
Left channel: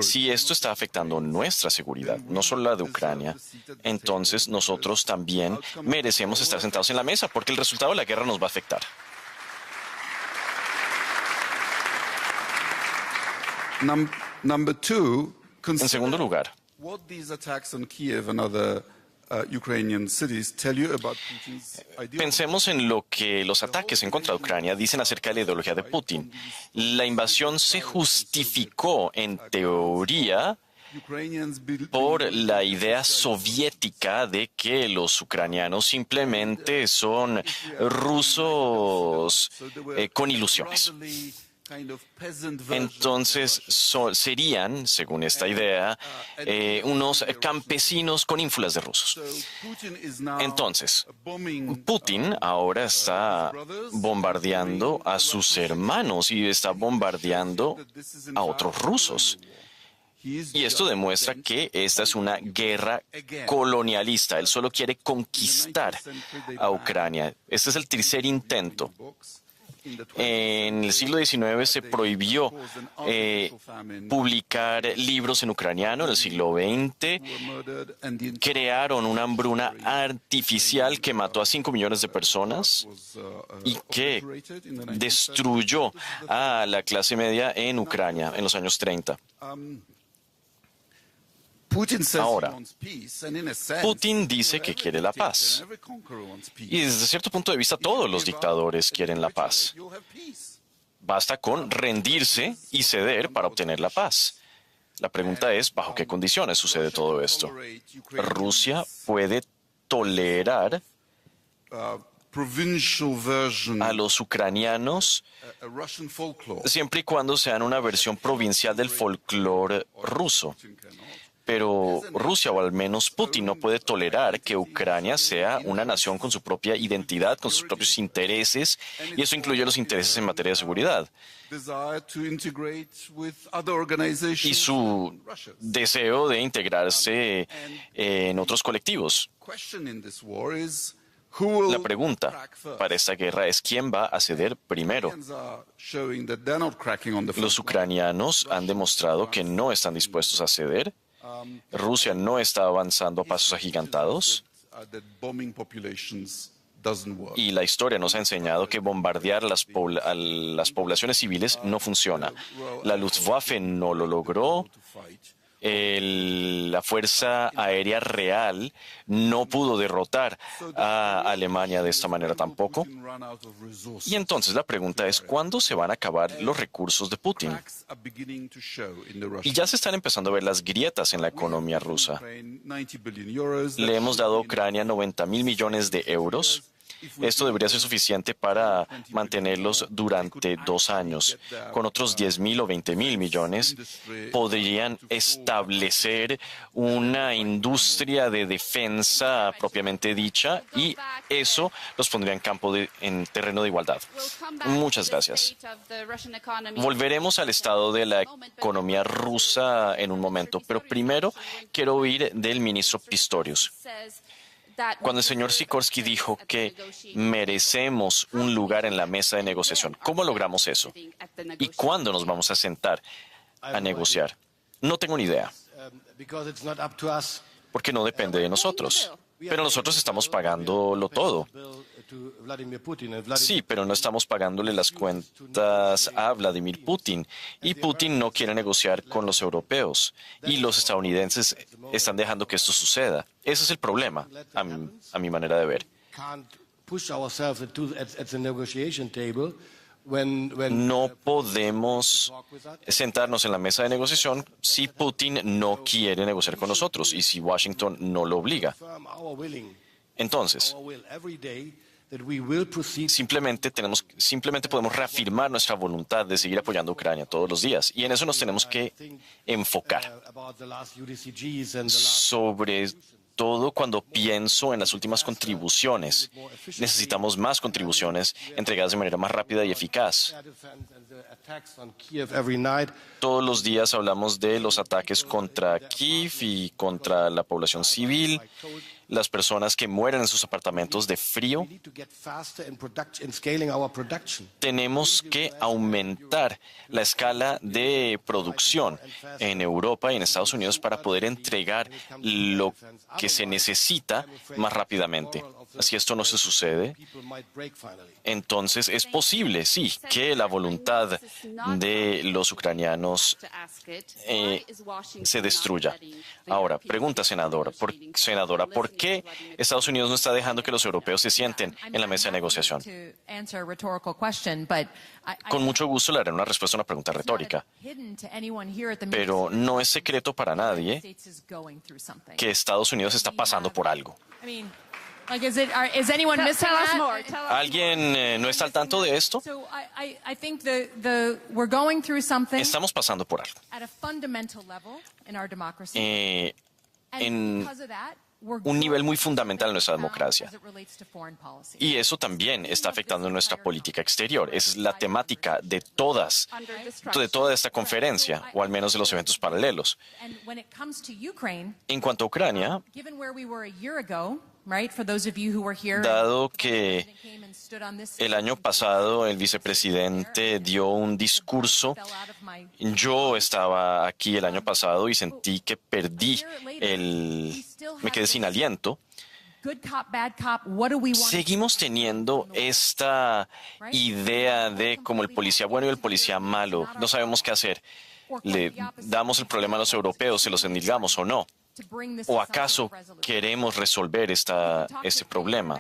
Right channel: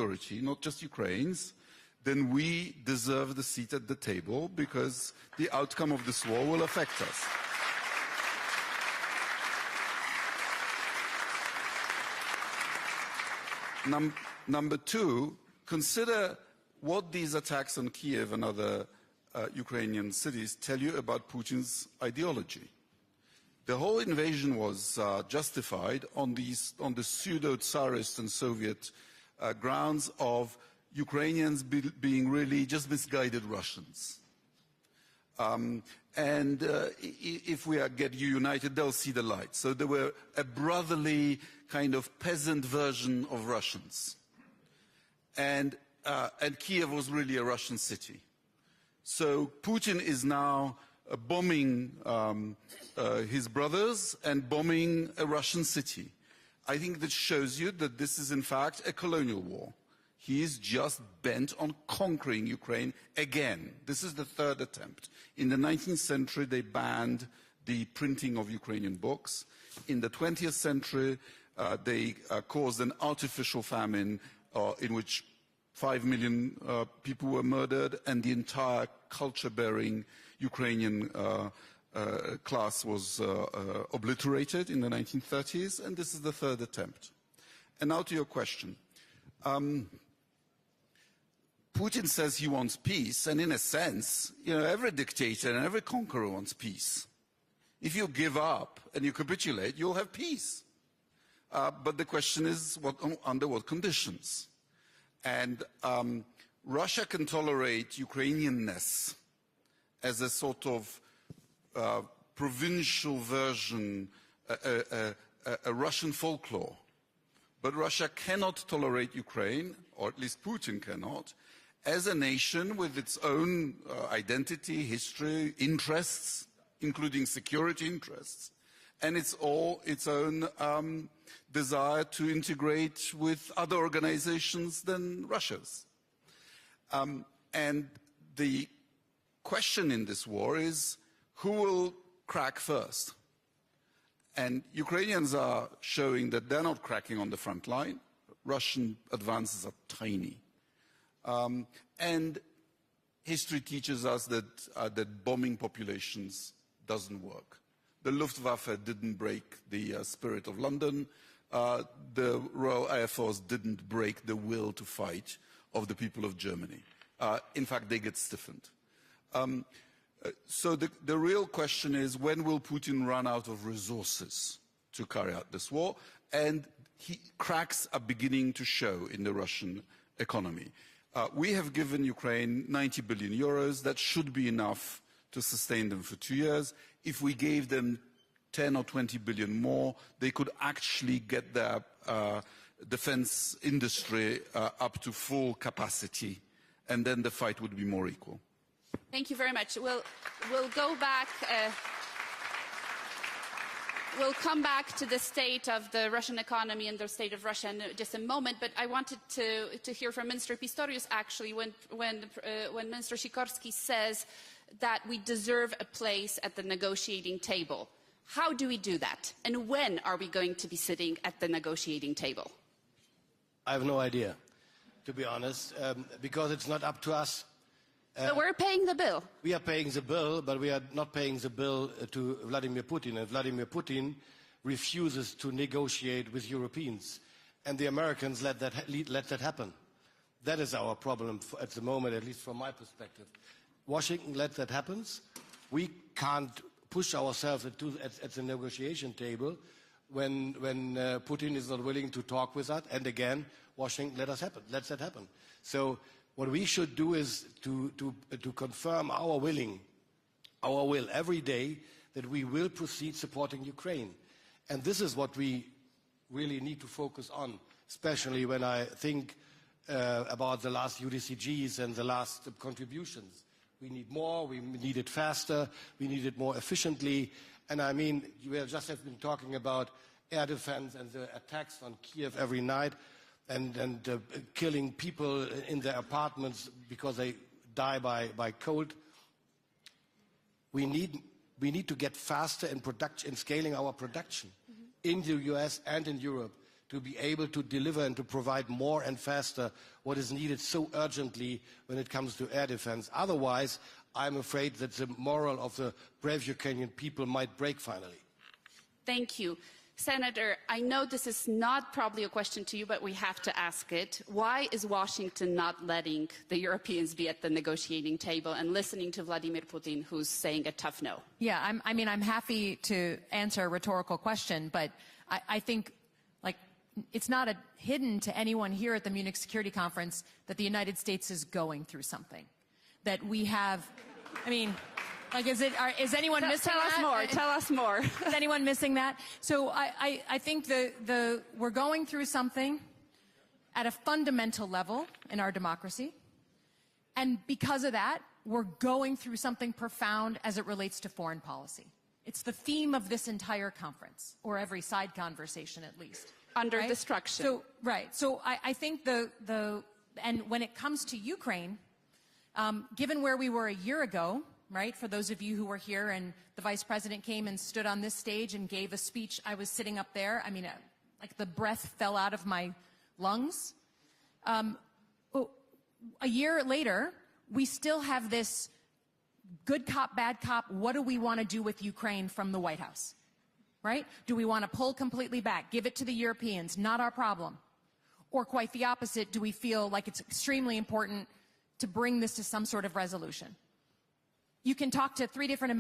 Si esto está afectando nuestra seguridad, no solo la de Ucrania, entonces nosotros también merecemos estar sentados en la mesa porque el resultado de la guerra nos va a afectar. En segundo lugar, pensemos en lo que los ataques en contra de Ucrania dicen acerca de la ideología de Putin. La invasión se justificó, en teoría, por la idea soviética de que los ucranianos simplemente son rusos con ilusiones. Entonces serían, según esta idea, unos campesinos con ínfulas de rusos. Entonces, Putin ahora está bombardeando a sus hermanos y está bombardeando a otros rusos. Y esto demuestra que esta es una guerra colonialista. Él solo quiere conquistar a Ucrania. Este es el tercer intento. En el siglo XIX se prohibió publicar libros en ucraniano. En el siglo XX crearon una hambruna artificial que mató a 5 millones de personas y que destruyó a la clase media en Ucrania en los años 30. Ahora, Putin dice que quiere la paz. Y desde cierto punto de vista todos los dictadores quieren la paz. Basta con rendirse y ceder para obtener la paz. La pregunta es, ¿bajo qué condiciones sucede todo esto? Rusia puede tolerar a los ucranianos siempre y cuando sean una versión provincial del folclore ruso. Pero Rusia, o al menos Putin, no puede tolerar que Ucrania sea una nación con su propia identidad, con sus propios intereses, y eso incluye los intereses en materia de seguridad. Y su deseo de integrarse en otros colectivos. La pregunta para esta guerra es quién va a ceder primero. Los ucranianos han demostrado que no están dispuestos a ceder. Rusia no está avanzando a pasos agigantados. Y la historia nos ha enseñado que bombardear a las poblaciones civiles no funciona. La Luftwaffe no lo logró. la Fuerza Aérea Real no pudo derrotar a Alemania de esta manera tampoco. Y entonces la pregunta es, ¿cuándo se van a acabar los recursos de Putin? Y ya se están empezando a ver las grietas en la economía rusa. Le hemos dado a Ucrania 90.000 millones de euros. Esto debería ser suficiente para mantenerlos durante 2 años. Con otros 10.000 o 20.000 millones, podrían establecer una industria de defensa propiamente dicha y eso los pondría en terreno de igualdad. Muchas gracias. Volveremos al estado de la economía rusa en un momento, pero primero quiero oír del ministro Pistorius. Cuando el señor Sikorski dijo que merecemos un lugar en la mesa de negociación, ¿cómo logramos eso? ¿Y cuándo nos vamos a sentar a negociar? No tengo ni idea, porque no depende de nosotros. Pero nosotros estamos pagándolo todo. Sí, pero no estamos pagándole las cuentas a Vladimir Putin. Y Putin no quiere negociar con los europeos. Y los estadounidenses están dejando que esto suceda. Ese es el problema, a mi manera de ver. No podemos sentarnos en la mesa de negociación si Putin no quiere negociar con nosotros y si Washington no lo obliga. Entonces, simplemente podemos reafirmar nuestra voluntad de seguir apoyando a Ucrania todos los días. Y en eso nos tenemos que enfocar. Sobre todo cuando pienso en las últimas contribuciones. Necesitamos más contribuciones entregadas de manera más rápida y eficaz. Todos los días hablamos de los ataques contra Kiev y contra la población civil, las personas que mueren en sus apartamentos de frío. Tenemos que aumentar la escala de producción en Europa y en Estados Unidos para poder entregar lo que se necesita más rápidamente. Si esto no se sucede, entonces es posible, sí, que la voluntad de los ucranianos se destruya. Ahora, pregunta, senadora, ¿por qué Estados Unidos no está dejando que los europeos se sienten en la mesa de negociación? Con mucho gusto le haré una respuesta a una pregunta retórica. Pero no es secreto para nadie que Estados Unidos está pasando por algo. ¿Alguien no está al tanto de esto? Estamos pasando por algo. En un nivel muy fundamental en nuestra democracia. Y eso también está afectando nuestra política exterior. Es la temática de toda esta conferencia, o al menos de los eventos paralelos. En cuanto a Ucrania, dado que el año pasado el vicepresidente dio un discurso, yo estaba aquí el año pasado y sentí que me quedé sin aliento. Seguimos teniendo esta idea de como el policía bueno y el policía malo. No sabemos qué hacer. ¿Le damos el problema a los europeos, se los endilgamos o no? ¿O acaso queremos resolver este problema?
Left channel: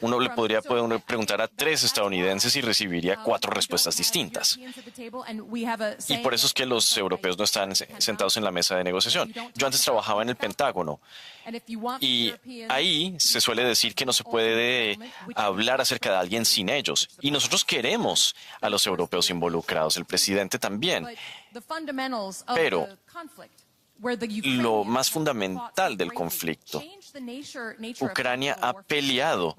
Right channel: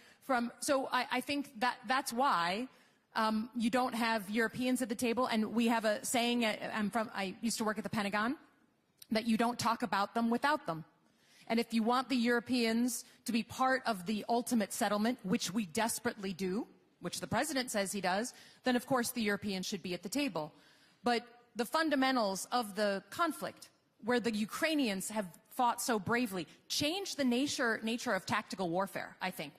Uno le podría preguntar a 3 estadounidenses y recibiría 4 respuestas distintas. Y por eso es que los europeos no están sentados en la mesa de negociación. Yo antes trabajaba en el Pentágono. Y ahí se suele decir que no se puede hablar acerca de alguien sin ellos. Y nosotros queremos a los europeos involucrados, el presidente también. Pero lo más fundamental del conflicto, Ucrania ha peleado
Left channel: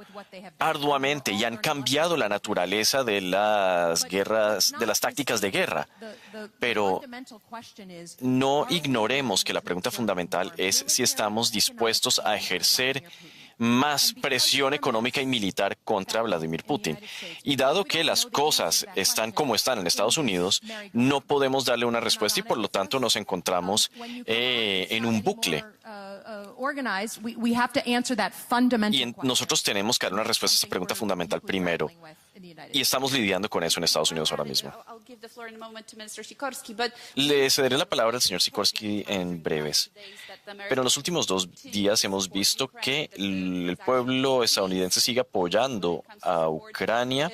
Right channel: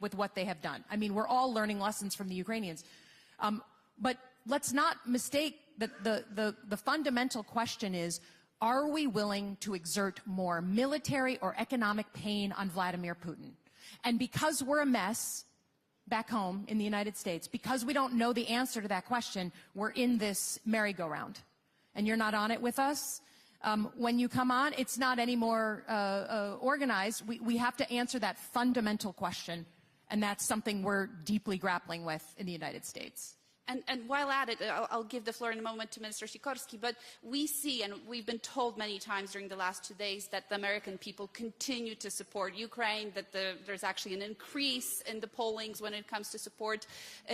arduamente y han cambiado la naturaleza de las guerras, de las tácticas de guerra. Pero no ignoremos que la pregunta fundamental es si estamos dispuestos a ejercer más presión económica y militar contra Vladimir Putin. Y dado que las cosas están como están en Estados Unidos, no podemos darle una respuesta y por lo tanto nos encontramos en un bucle. Y nosotros tenemos que dar una respuesta a esta pregunta fundamental primero. Y estamos lidiando con eso en Estados Unidos ahora mismo. Le cederé la palabra al señor Sikorski en breves. Pero en los últimos 2 días hemos visto que el pueblo estadounidense sigue apoyando a Ucrania,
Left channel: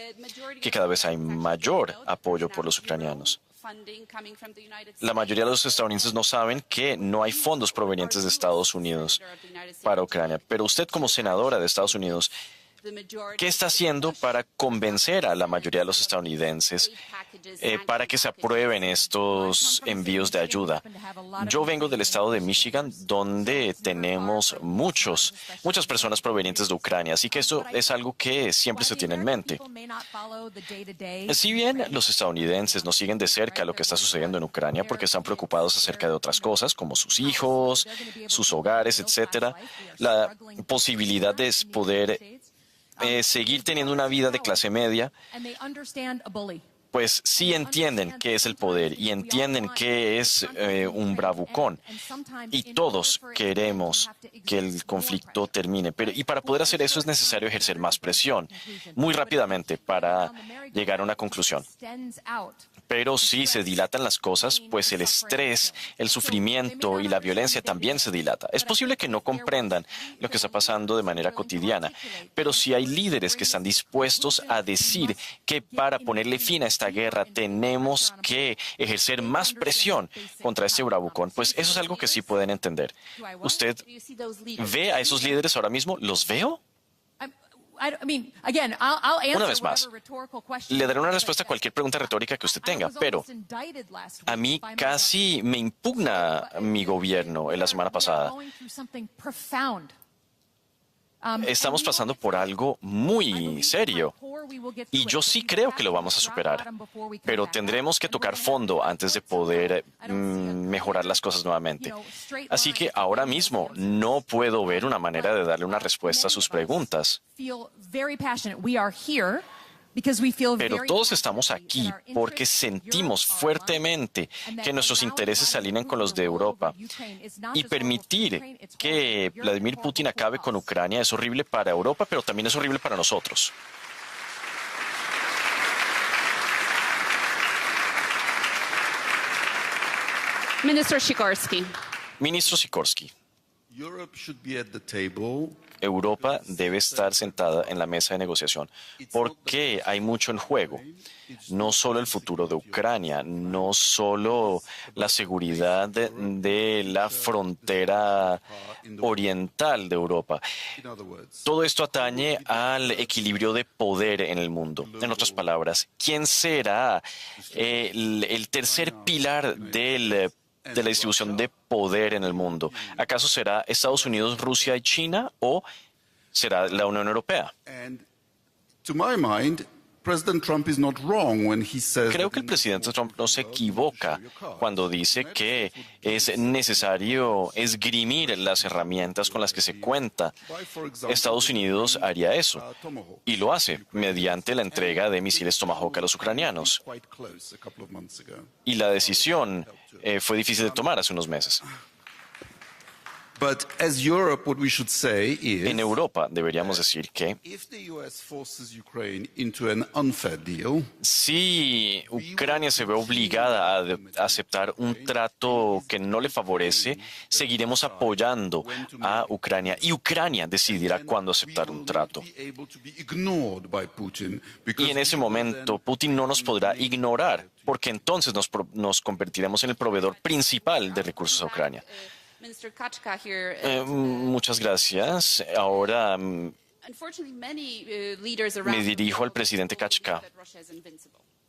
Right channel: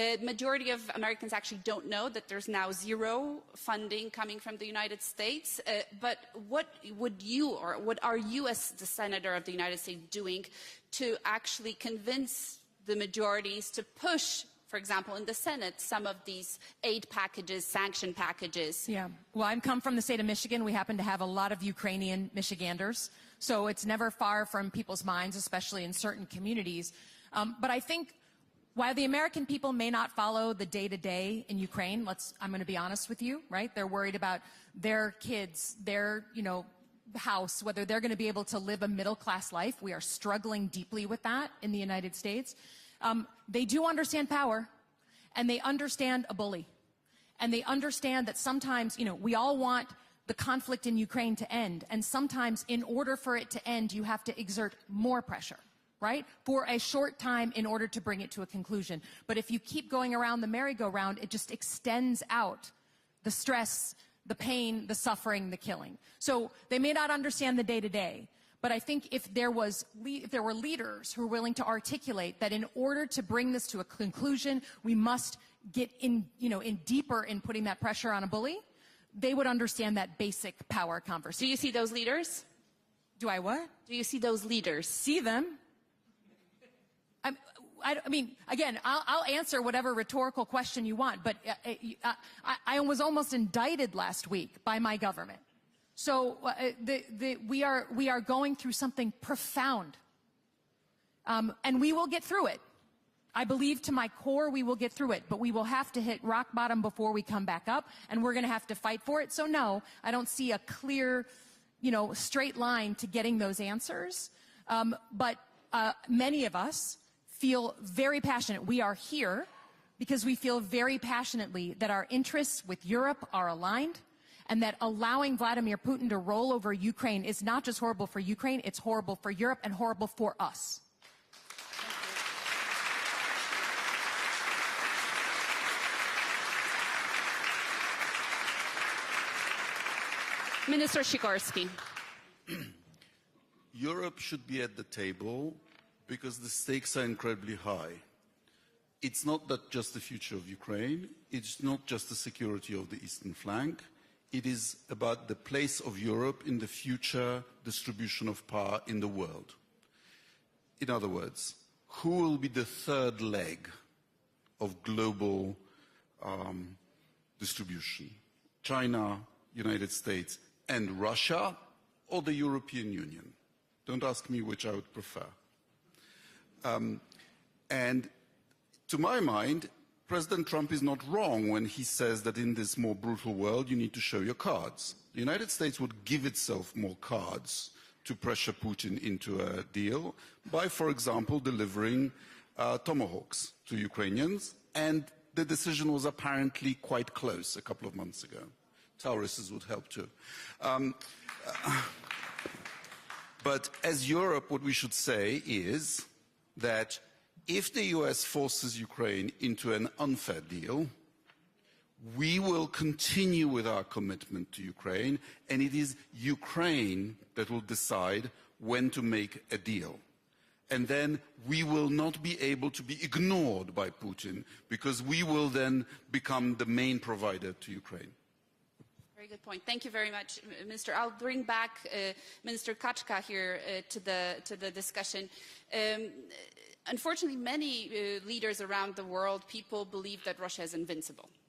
que cada vez hay mayor apoyo por los ucranianos. La mayoría de los estadounidenses no saben que no hay fondos provenientes de Estados Unidos para Ucrania. Pero usted, como senadora de Estados Unidos, ¿qué está haciendo para convencer a la mayoría de los estadounidenses para que se aprueben estos envíos de ayuda? Yo vengo del estado de Michigan, donde tenemos muchas personas provenientes de Ucrania, así que esto es algo que siempre se tiene en mente. Si bien los estadounidenses no siguen de cerca lo que está sucediendo en Ucrania porque están preocupados acerca de otras cosas como sus hijos, sus hogares, etcétera, la posibilidad de poder seguir teniendo una vida de clase media, pues sí entienden qué es el poder y entienden qué es un bravucón. Y todos queremos que el conflicto termine. Y para poder hacer eso es necesario ejercer más presión muy rápidamente para llegar a una conclusión. Pero si se dilatan las cosas, pues el estrés, el sufrimiento y la violencia también se dilata. Es posible que no comprendan lo que está pasando de manera cotidiana, pero si hay líderes que están dispuestos a decir que para ponerle fin a esta guerra tenemos que ejercer más presión contra este bravucón, pues eso es algo que sí pueden entender. ¿Usted ve a esos líderes ahora mismo? ¿Los veo? Una vez más, le daré una respuesta a cualquier pregunta retórica que usted tenga, pero a mí casi me impugna mi gobierno en la semana pasada. Estamos pasando por algo muy serio y yo sí creo que lo vamos a superar, pero tendremos que tocar fondo antes de poder mejorar las cosas nuevamente. Así que ahora mismo no puedo ver una manera de darle una respuesta a sus preguntas. Pero todos estamos aquí porque sentimos fuertemente que nuestros intereses se alinean con los de Europa. Y permitir que Vladimir Putin acabe con Ucrania es horrible para Europa, pero también es horrible para nosotros. Ministro Sikorski. Ministro Sikorski. Europa debe estar sentada en la mesa de negociación porque hay mucho en juego. No solo el futuro de Ucrania, no solo la seguridad de la frontera oriental de Europa. Todo esto atañe al equilibrio de poder en el mundo. En otras palabras, ¿quién será el tercer pilar de la distribución de poder en el mundo? ¿Acaso será Estados Unidos, Rusia y China o será la Unión Europea? Creo que el presidente Trump no se equivoca cuando dice que es necesario esgrimir las herramientas con las que se cuenta. Estados Unidos haría eso y lo hace mediante la entrega de misiles Tomahawk a los ucranianos. Y la decisión fue difícil de tomar hace unos meses. En Europa deberíamos decir que si Ucrania se ve obligada a aceptar un trato que no le favorece, seguiremos apoyando a Ucrania y Ucrania decidirá cuándo aceptar un trato. Y en ese momento Putin no nos podrá ignorar porque entonces nos convertiremos en el proveedor principal de recursos a Ucrania. Muchas gracias. Ahora me dirijo al presidente Kachka.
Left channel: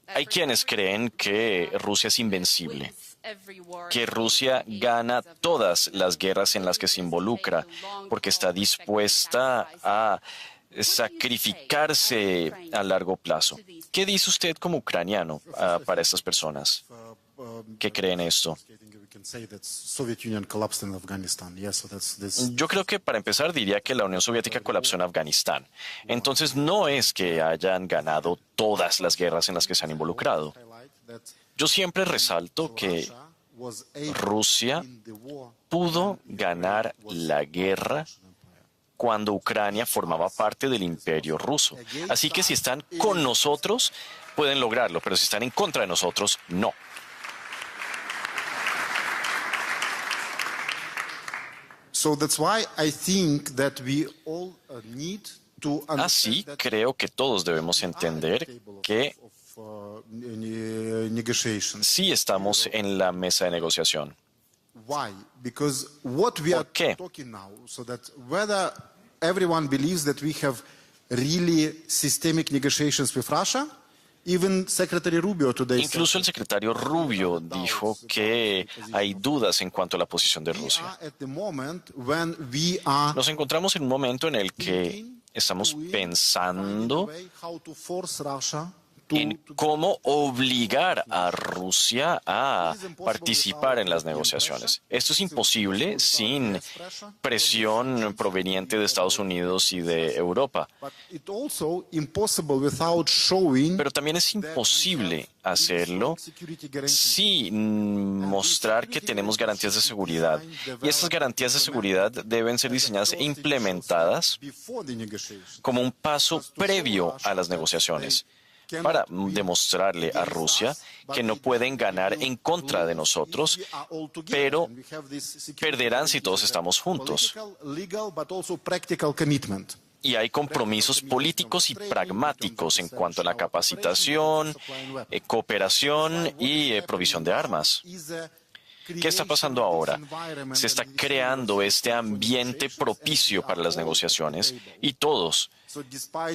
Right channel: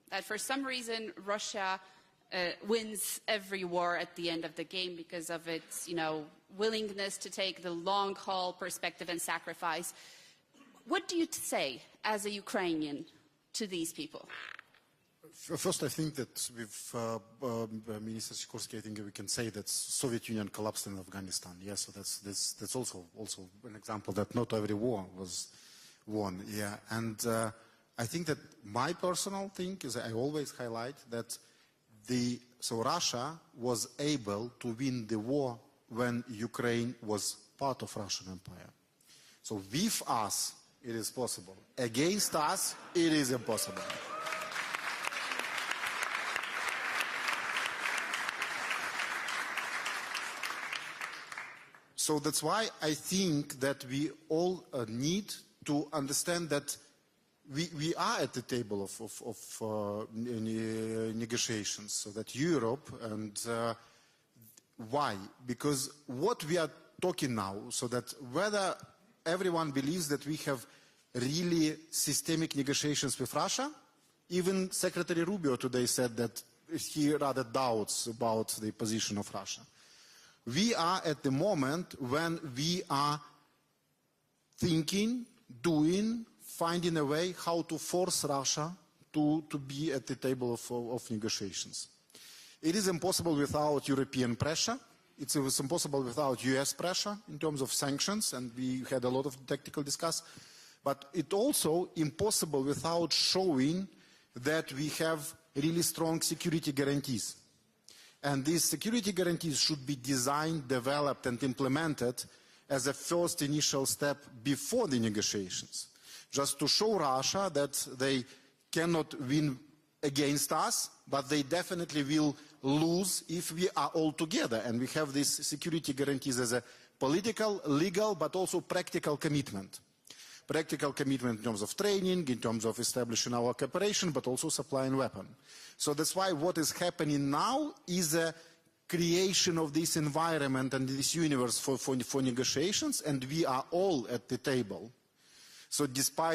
Hay quienes creen que Rusia es invencible, que Rusia gana todas las guerras en las que se involucra, porque está dispuesta a sacrificarse a largo plazo. ¿Qué dice usted como ucraniano para estas personas que creen esto? Yo creo que para empezar diría que la Unión Soviética colapsó en Afganistán. Entonces no es que hayan ganado todas las guerras en las que se han involucrado. Yo siempre resalto que Rusia pudo ganar la guerra cuando Ucrania formaba parte del Imperio Ruso. Así que si están con nosotros, pueden lograrlo, pero si están en contra de nosotros, no. Así creo que todos debemos entender que sí estamos en la mesa de negociación. ¿Por qué? Everyone believes that we have really systemic negotiations with Russia. Even Secretary Rubio today Incluso el secretario Rubio dijo que hay dudas en cuanto a la posición de Rusia. Nos encontramos en un momento en el que estamos pensando en cómo obligar a Rusia a participar en las negociaciones. Esto es imposible sin presión proveniente de Estados Unidos y de Europa. Pero también es imposible hacerlo sin mostrar que tenemos garantías de seguridad. Y estas garantías de seguridad deben ser diseñadas e implementadas como un paso previo a las negociaciones, para demostrarle a Rusia que no pueden ganar en contra de nosotros, pero perderán si todos estamos juntos. Y hay compromisos políticos y pragmáticos en cuanto a la capacitación, cooperación y provisión de armas. ¿Qué está pasando ahora? Se está creando este ambiente propicio para las negociaciones y todos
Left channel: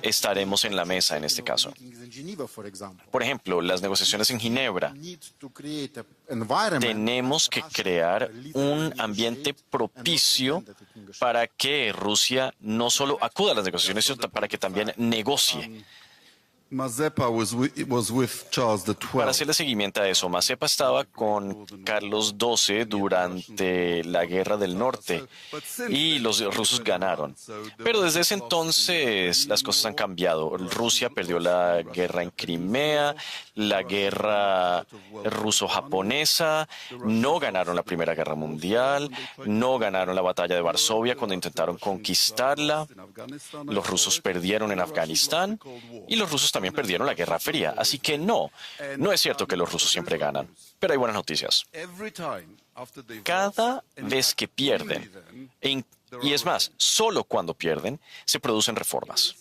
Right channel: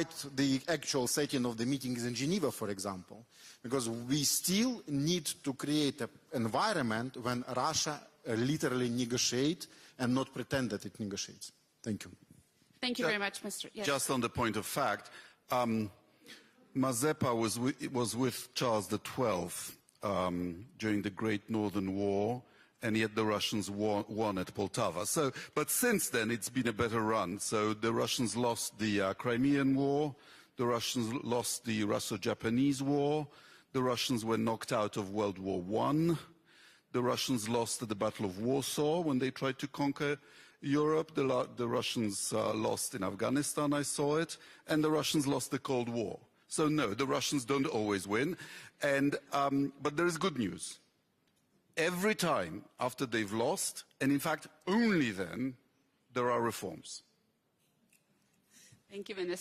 estaremos en la mesa en este caso. Por ejemplo, las negociaciones en Ginebra. Tenemos que crear un ambiente propicio para que Rusia no solo acuda a las negociaciones, sino para que también negocie. Para hacerle seguimiento a eso, Mazepa estaba con Carlos XII durante la Guerra del Norte y los rusos ganaron. Pero desde ese entonces las cosas han cambiado. Rusia perdió la guerra en Crimea, la guerra ruso-japonesa, no ganaron la Primera Guerra Mundial, no ganaron la batalla de Varsovia cuando intentaron conquistarla, los rusos perdieron en Afganistán y los rusos también perdieron la Guerra Fría. Así que no es cierto que los rusos siempre ganan, pero hay buenas noticias. Cada vez que pierden, y es más, solo cuando pierden, se producen reformas.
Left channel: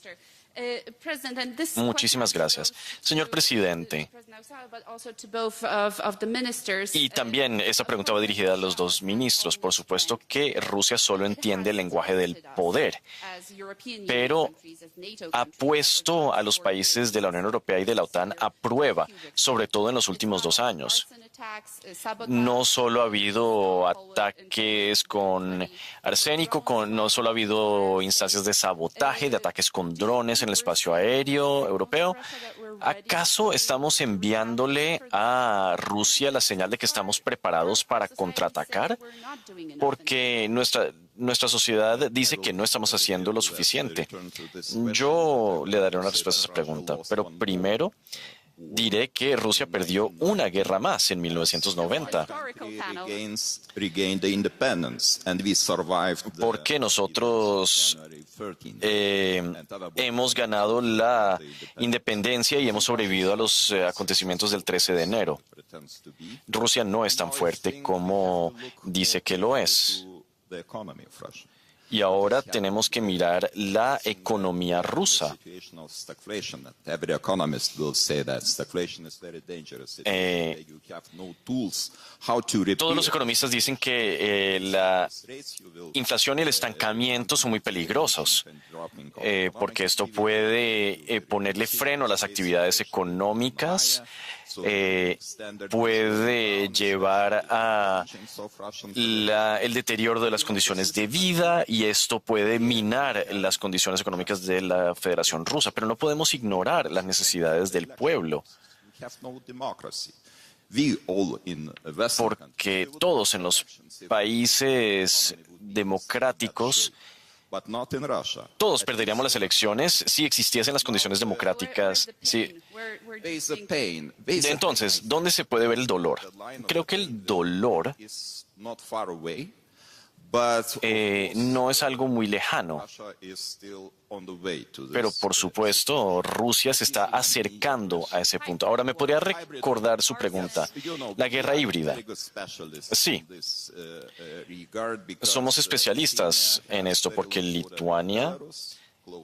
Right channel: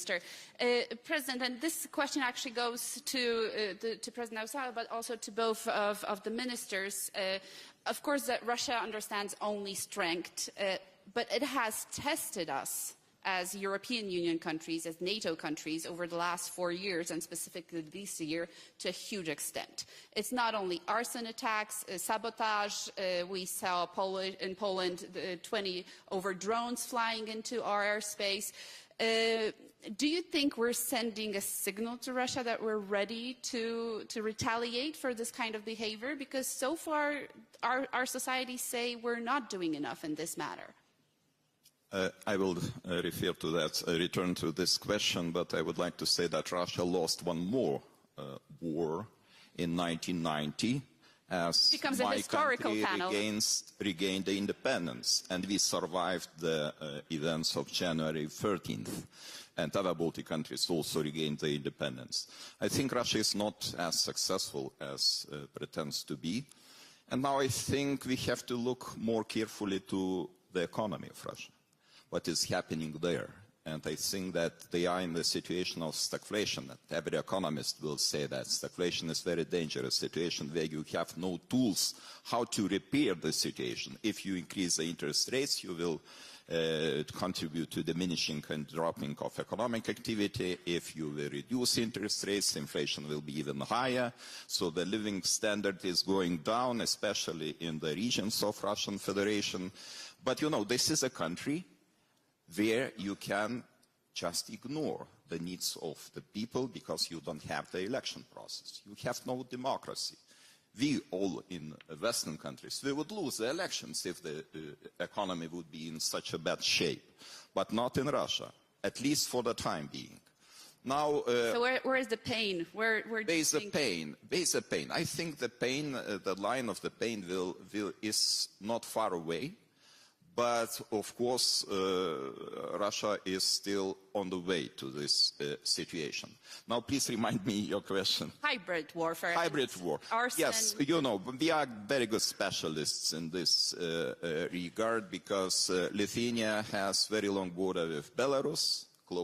Muchísimas gracias. Señor presidente, y también esta pregunta va dirigida a los dos ministros. Por supuesto que Rusia solo entiende el lenguaje del poder, pero ha puesto a los países de la Unión Europea y de la OTAN a prueba, sobre todo en los últimos 2 años. No solo ha habido ataques con arsénico, no solo ha habido instancias de sabotaje, de ataques con drones en el espacio aéreo europeo. ¿Acaso estamos enviándole a Rusia la señal de que estamos preparados para contraatacar? Porque nuestra sociedad dice que no estamos haciendo lo suficiente. Yo le daré una respuesta a esa pregunta, pero primero diré que Rusia perdió una guerra más en 1990. Porque nosotros hemos ganado la independencia y hemos sobrevivido a los acontecimientos del 13 de enero. Rusia no es tan fuerte como dice que lo es. Y ahora tenemos que mirar la economía rusa. Todos los economistas dicen que la inflación y el estancamiento son muy peligrosos, porque esto puede ponerle freno a las actividades económicas, puede llevar a el deterioro de las condiciones de vida y esto puede minar las condiciones económicas de la Federación Rusa. Pero no podemos ignorar las necesidades del pueblo, porque todos en los países democráticos Todos perderíamos las elecciones si existiesen las condiciones democráticas. Sí. Entonces, ¿dónde se puede ver el dolor? Creo que el dolor no es algo muy lejano, pero por supuesto Rusia se está acercando a ese punto. Ahora, ¿me podría recordar su pregunta? La guerra híbrida. Sí, somos especialistas en esto porque Lituania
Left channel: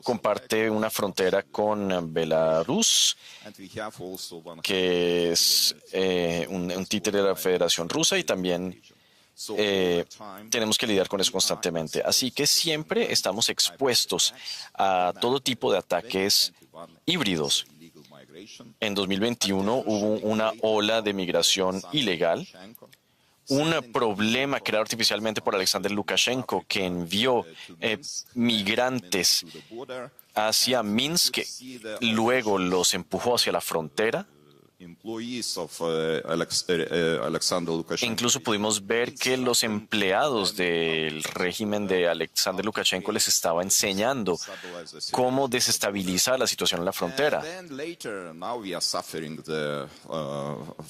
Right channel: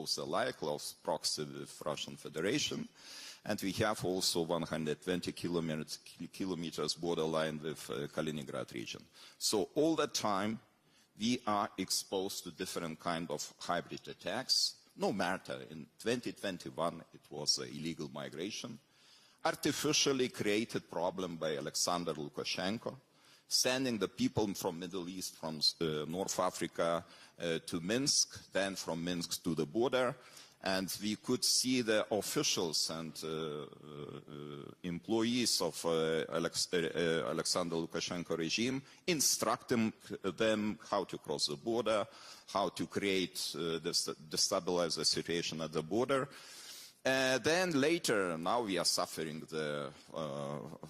comparte una frontera con Belarus, que es un títere de la Federación Rusa, y también tenemos que lidiar con eso constantemente. Así que siempre estamos expuestos a todo tipo de ataques híbridos. En 2021 hubo una ola de migración ilegal, un problema creado artificialmente por Alexander Lukashenko, que envió migrantes hacia Minsk, luego los empujó hacia la frontera. Incluso pudimos ver que los empleados del régimen de Alexander Lukashenko les estaba enseñando cómo desestabilizar la situación en la frontera.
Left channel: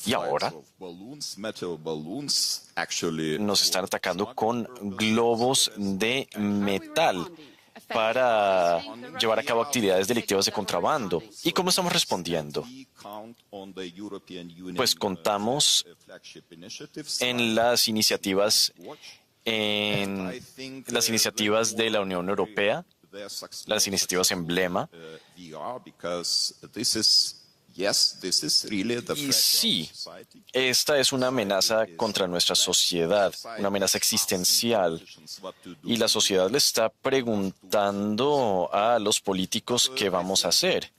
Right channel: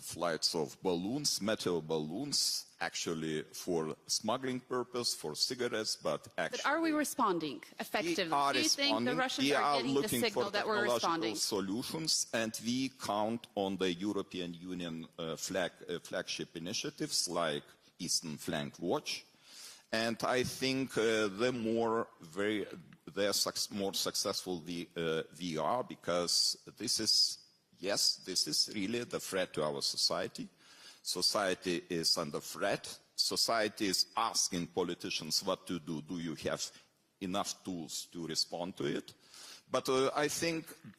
Y ahora nos están atacando con globos de metal para llevar a cabo actividades delictivas de contrabando. ¿Y cómo estamos respondiendo? Pues contamos en las iniciativas de la Unión Europea, las iniciativas emblema. Y sí, esta es una amenaza contra nuestra sociedad, una amenaza existencial. Y la sociedad le está preguntando a los políticos qué vamos a hacer.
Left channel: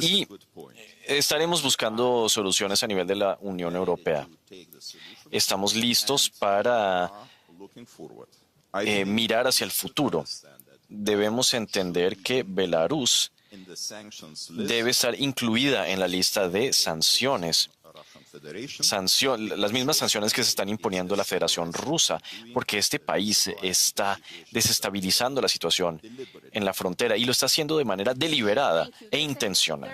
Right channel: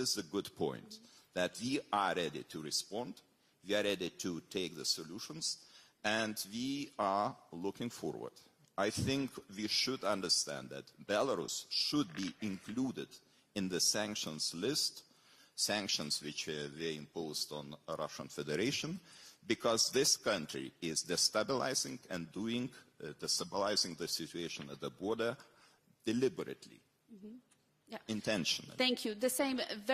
Y estaremos buscando soluciones a nivel de la Unión Europea. Estamos listos para mirar hacia el futuro. Debemos entender que Belarus debe estar incluida en la lista de sanciones. Las mismas sanciones que se están imponiendo a la Federación Rusa, porque este país está desestabilizando la situación en la frontera y lo está haciendo de manera deliberada e intencional.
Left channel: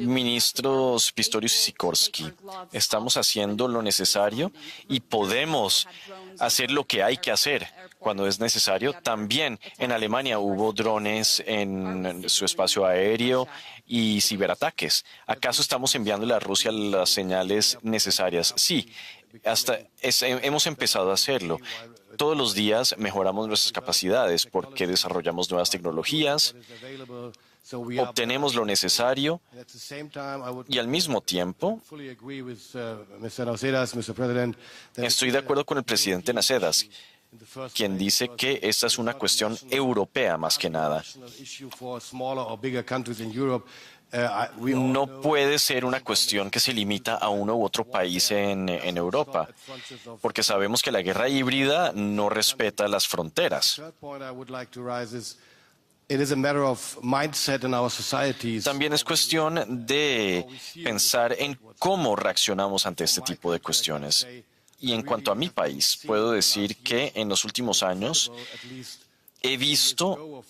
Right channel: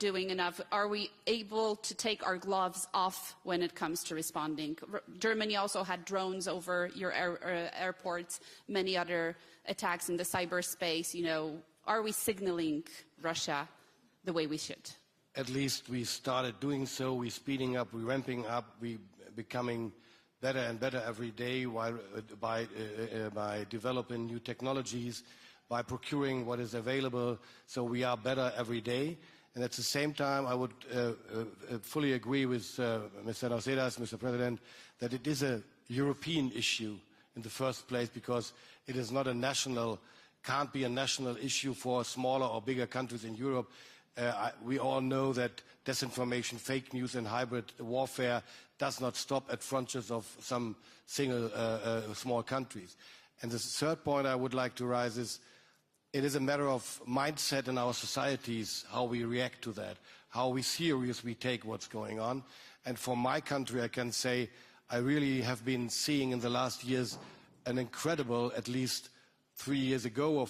Ministros Pistorius y Sikorski, estamos haciendo lo necesario y podemos hacer lo que hay que hacer cuando es necesario. También en Alemania hubo drones en su espacio aéreo y ciberataques. ¿Acaso estamos enviándole a Rusia las señales necesarias? Sí. Hemos empezado a hacerlo. Todos los días mejoramos nuestras capacidades porque desarrollamos nuevas tecnologías, obtenemos lo necesario y al mismo tiempo estoy de acuerdo con el presidente Nasedas, quien dice que esta es una cuestión europea más que nada. No puede ser una cuestión que se limita a uno u otro país en Europa, porque sabemos que la guerra híbrida no respeta las fronteras. También es cuestión de pensar en cómo reaccionamos ante este tipo de cuestiones. Y en cuanto a mi país, puedo decir que en los últimos años he visto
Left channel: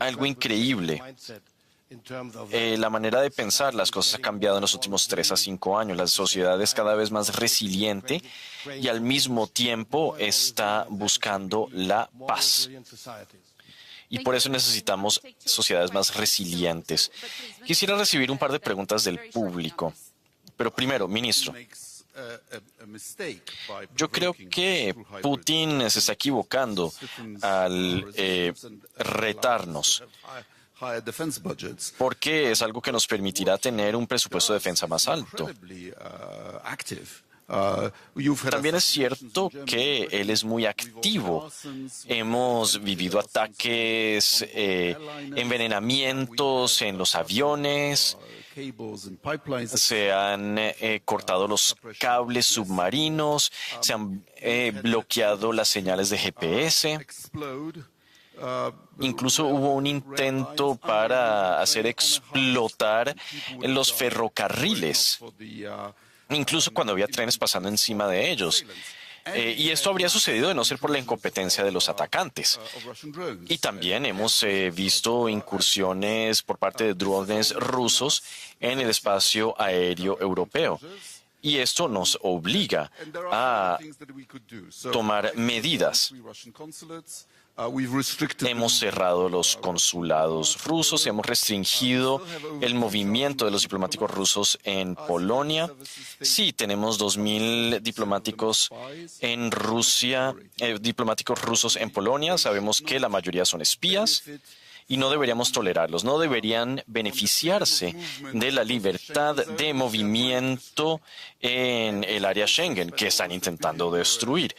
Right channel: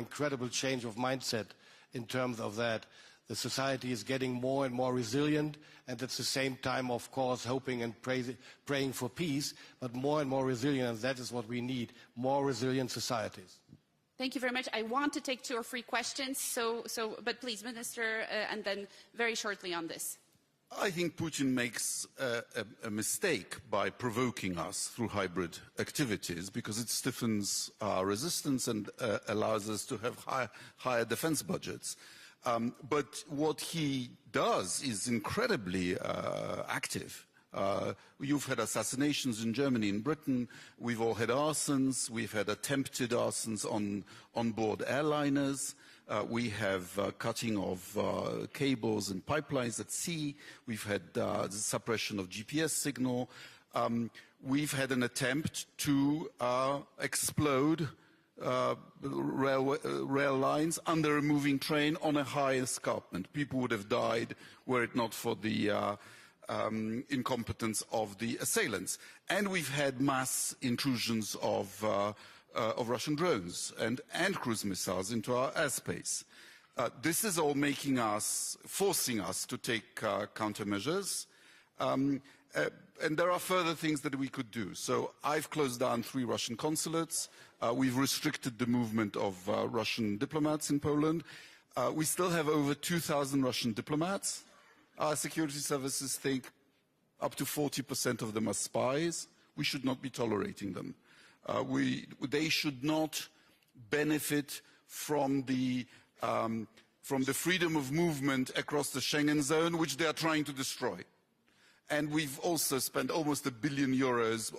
algo increíble. La manera de pensar las cosas ha cambiado en los últimos 3 a 5 años. La sociedad es cada vez más resiliente y al mismo tiempo está buscando la paz. Y por eso necesitamos sociedades más resilientes. Quisiera recibir un par de preguntas del público. Pero primero, ministro, yo creo que Putin se está equivocando al retarnos, porque es algo que nos permitirá tener un presupuesto de defensa más alto. También es cierto que él es muy activo. Hemos vivido ataques, envenenamientos en los aviones, se han cortado los cables submarinos, se han bloqueado las señales de GPS. Incluso hubo un intento para hacer explotar los ferrocarriles, incluso cuando había trenes pasando encima de ellos. Y esto habría sucedido de no ser por la incompetencia de los atacantes. Y también hemos visto incursiones por parte de drones rusos en el espacio aéreo europeo. Y esto nos obliga a tomar medidas. Hemos cerrado los consulados rusos, hemos restringido el movimiento de los diplomáticos rusos en Polonia. Sí, tenemos 2.000 diplomáticos en Rusia, diplomáticos rusos en Polonia. Sabemos que la mayoría son espías y no deberíamos tolerarlos. No deberían beneficiarse de la libertad de movimiento en el área Schengen que están intentando destruir.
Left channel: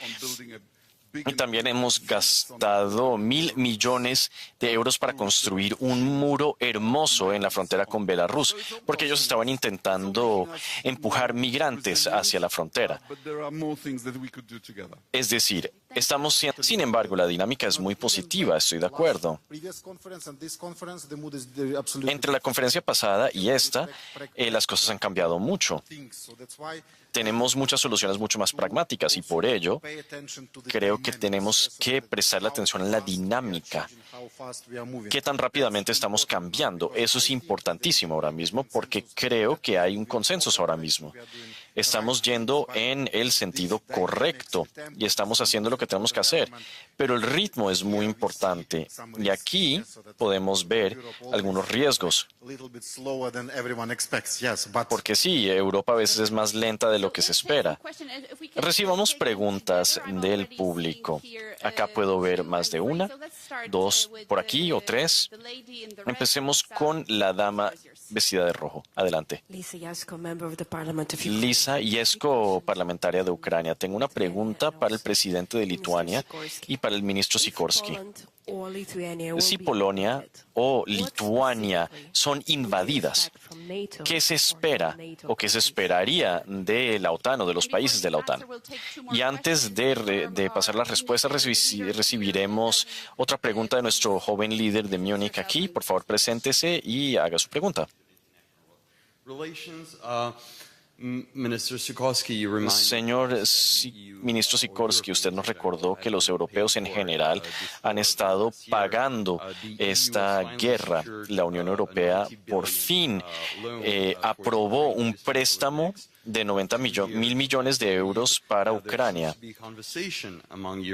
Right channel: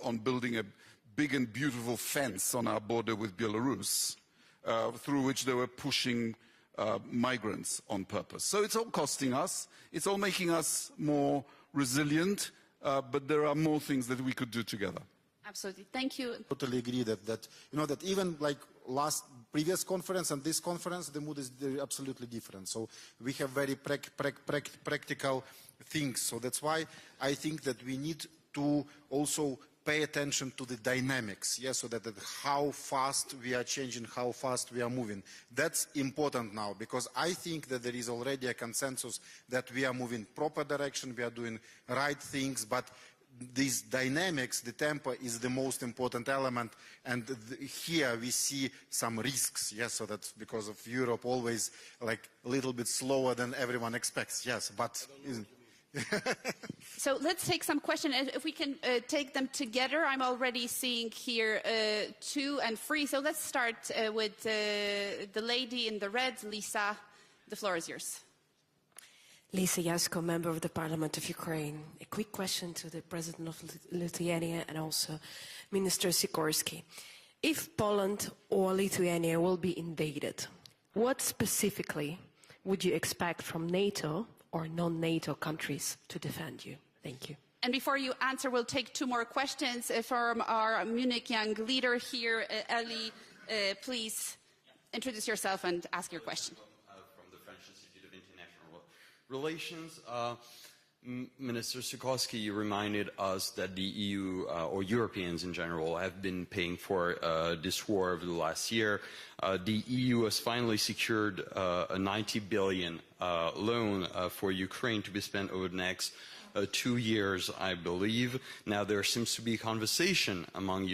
Y también hemos gastado 1.000 millones de euros para construir un muro hermoso en la frontera con Belarus, porque ellos estaban intentando empujar migrantes hacia la frontera. Es decir, sin embargo, la dinámica es muy positiva, estoy de acuerdo. Entre la conferencia pasada y esta, las cosas han cambiado mucho. Tenemos muchas soluciones mucho más pragmáticas y por ello creo que tenemos que prestar atención a la dinámica. ¿Qué tan rápidamente estamos cambiando? Eso es importantísimo ahora mismo porque creo que hay un consenso ahora mismo. Estamos yendo en el sentido correcto y estamos haciendo lo que tenemos que hacer. Pero el ritmo es muy importante y aquí podemos ver algunos riesgos. Porque sí, Europa a veces es más lenta de lo que se espera. Recibamos preguntas del público. Acá puedo ver más de una, dos por aquí o tres. Empecemos con la dama vestida de rojo. Adelante. Lisa Yesko, parlamentaria de Ucrania. Tengo una pregunta para el presidente de Lituania y para el ministro Sikorsky. Si Polonia o Lituania son invadidas, ¿qué se espera o qué se esperaría de la OTAN o de los países de la OTAN? Y antes de pasar la respuesta, recibiremos otra pregunta de nuestro joven líder de Múnich aquí. Por favor, preséntese y haga su pregunta. Señor ministro Sikorsky, usted nos recordó que los europeos en general han estado pagando esta guerra. La Unión Europea por fin aprobó un préstamo de 90.000 millones de euros para Ucrania.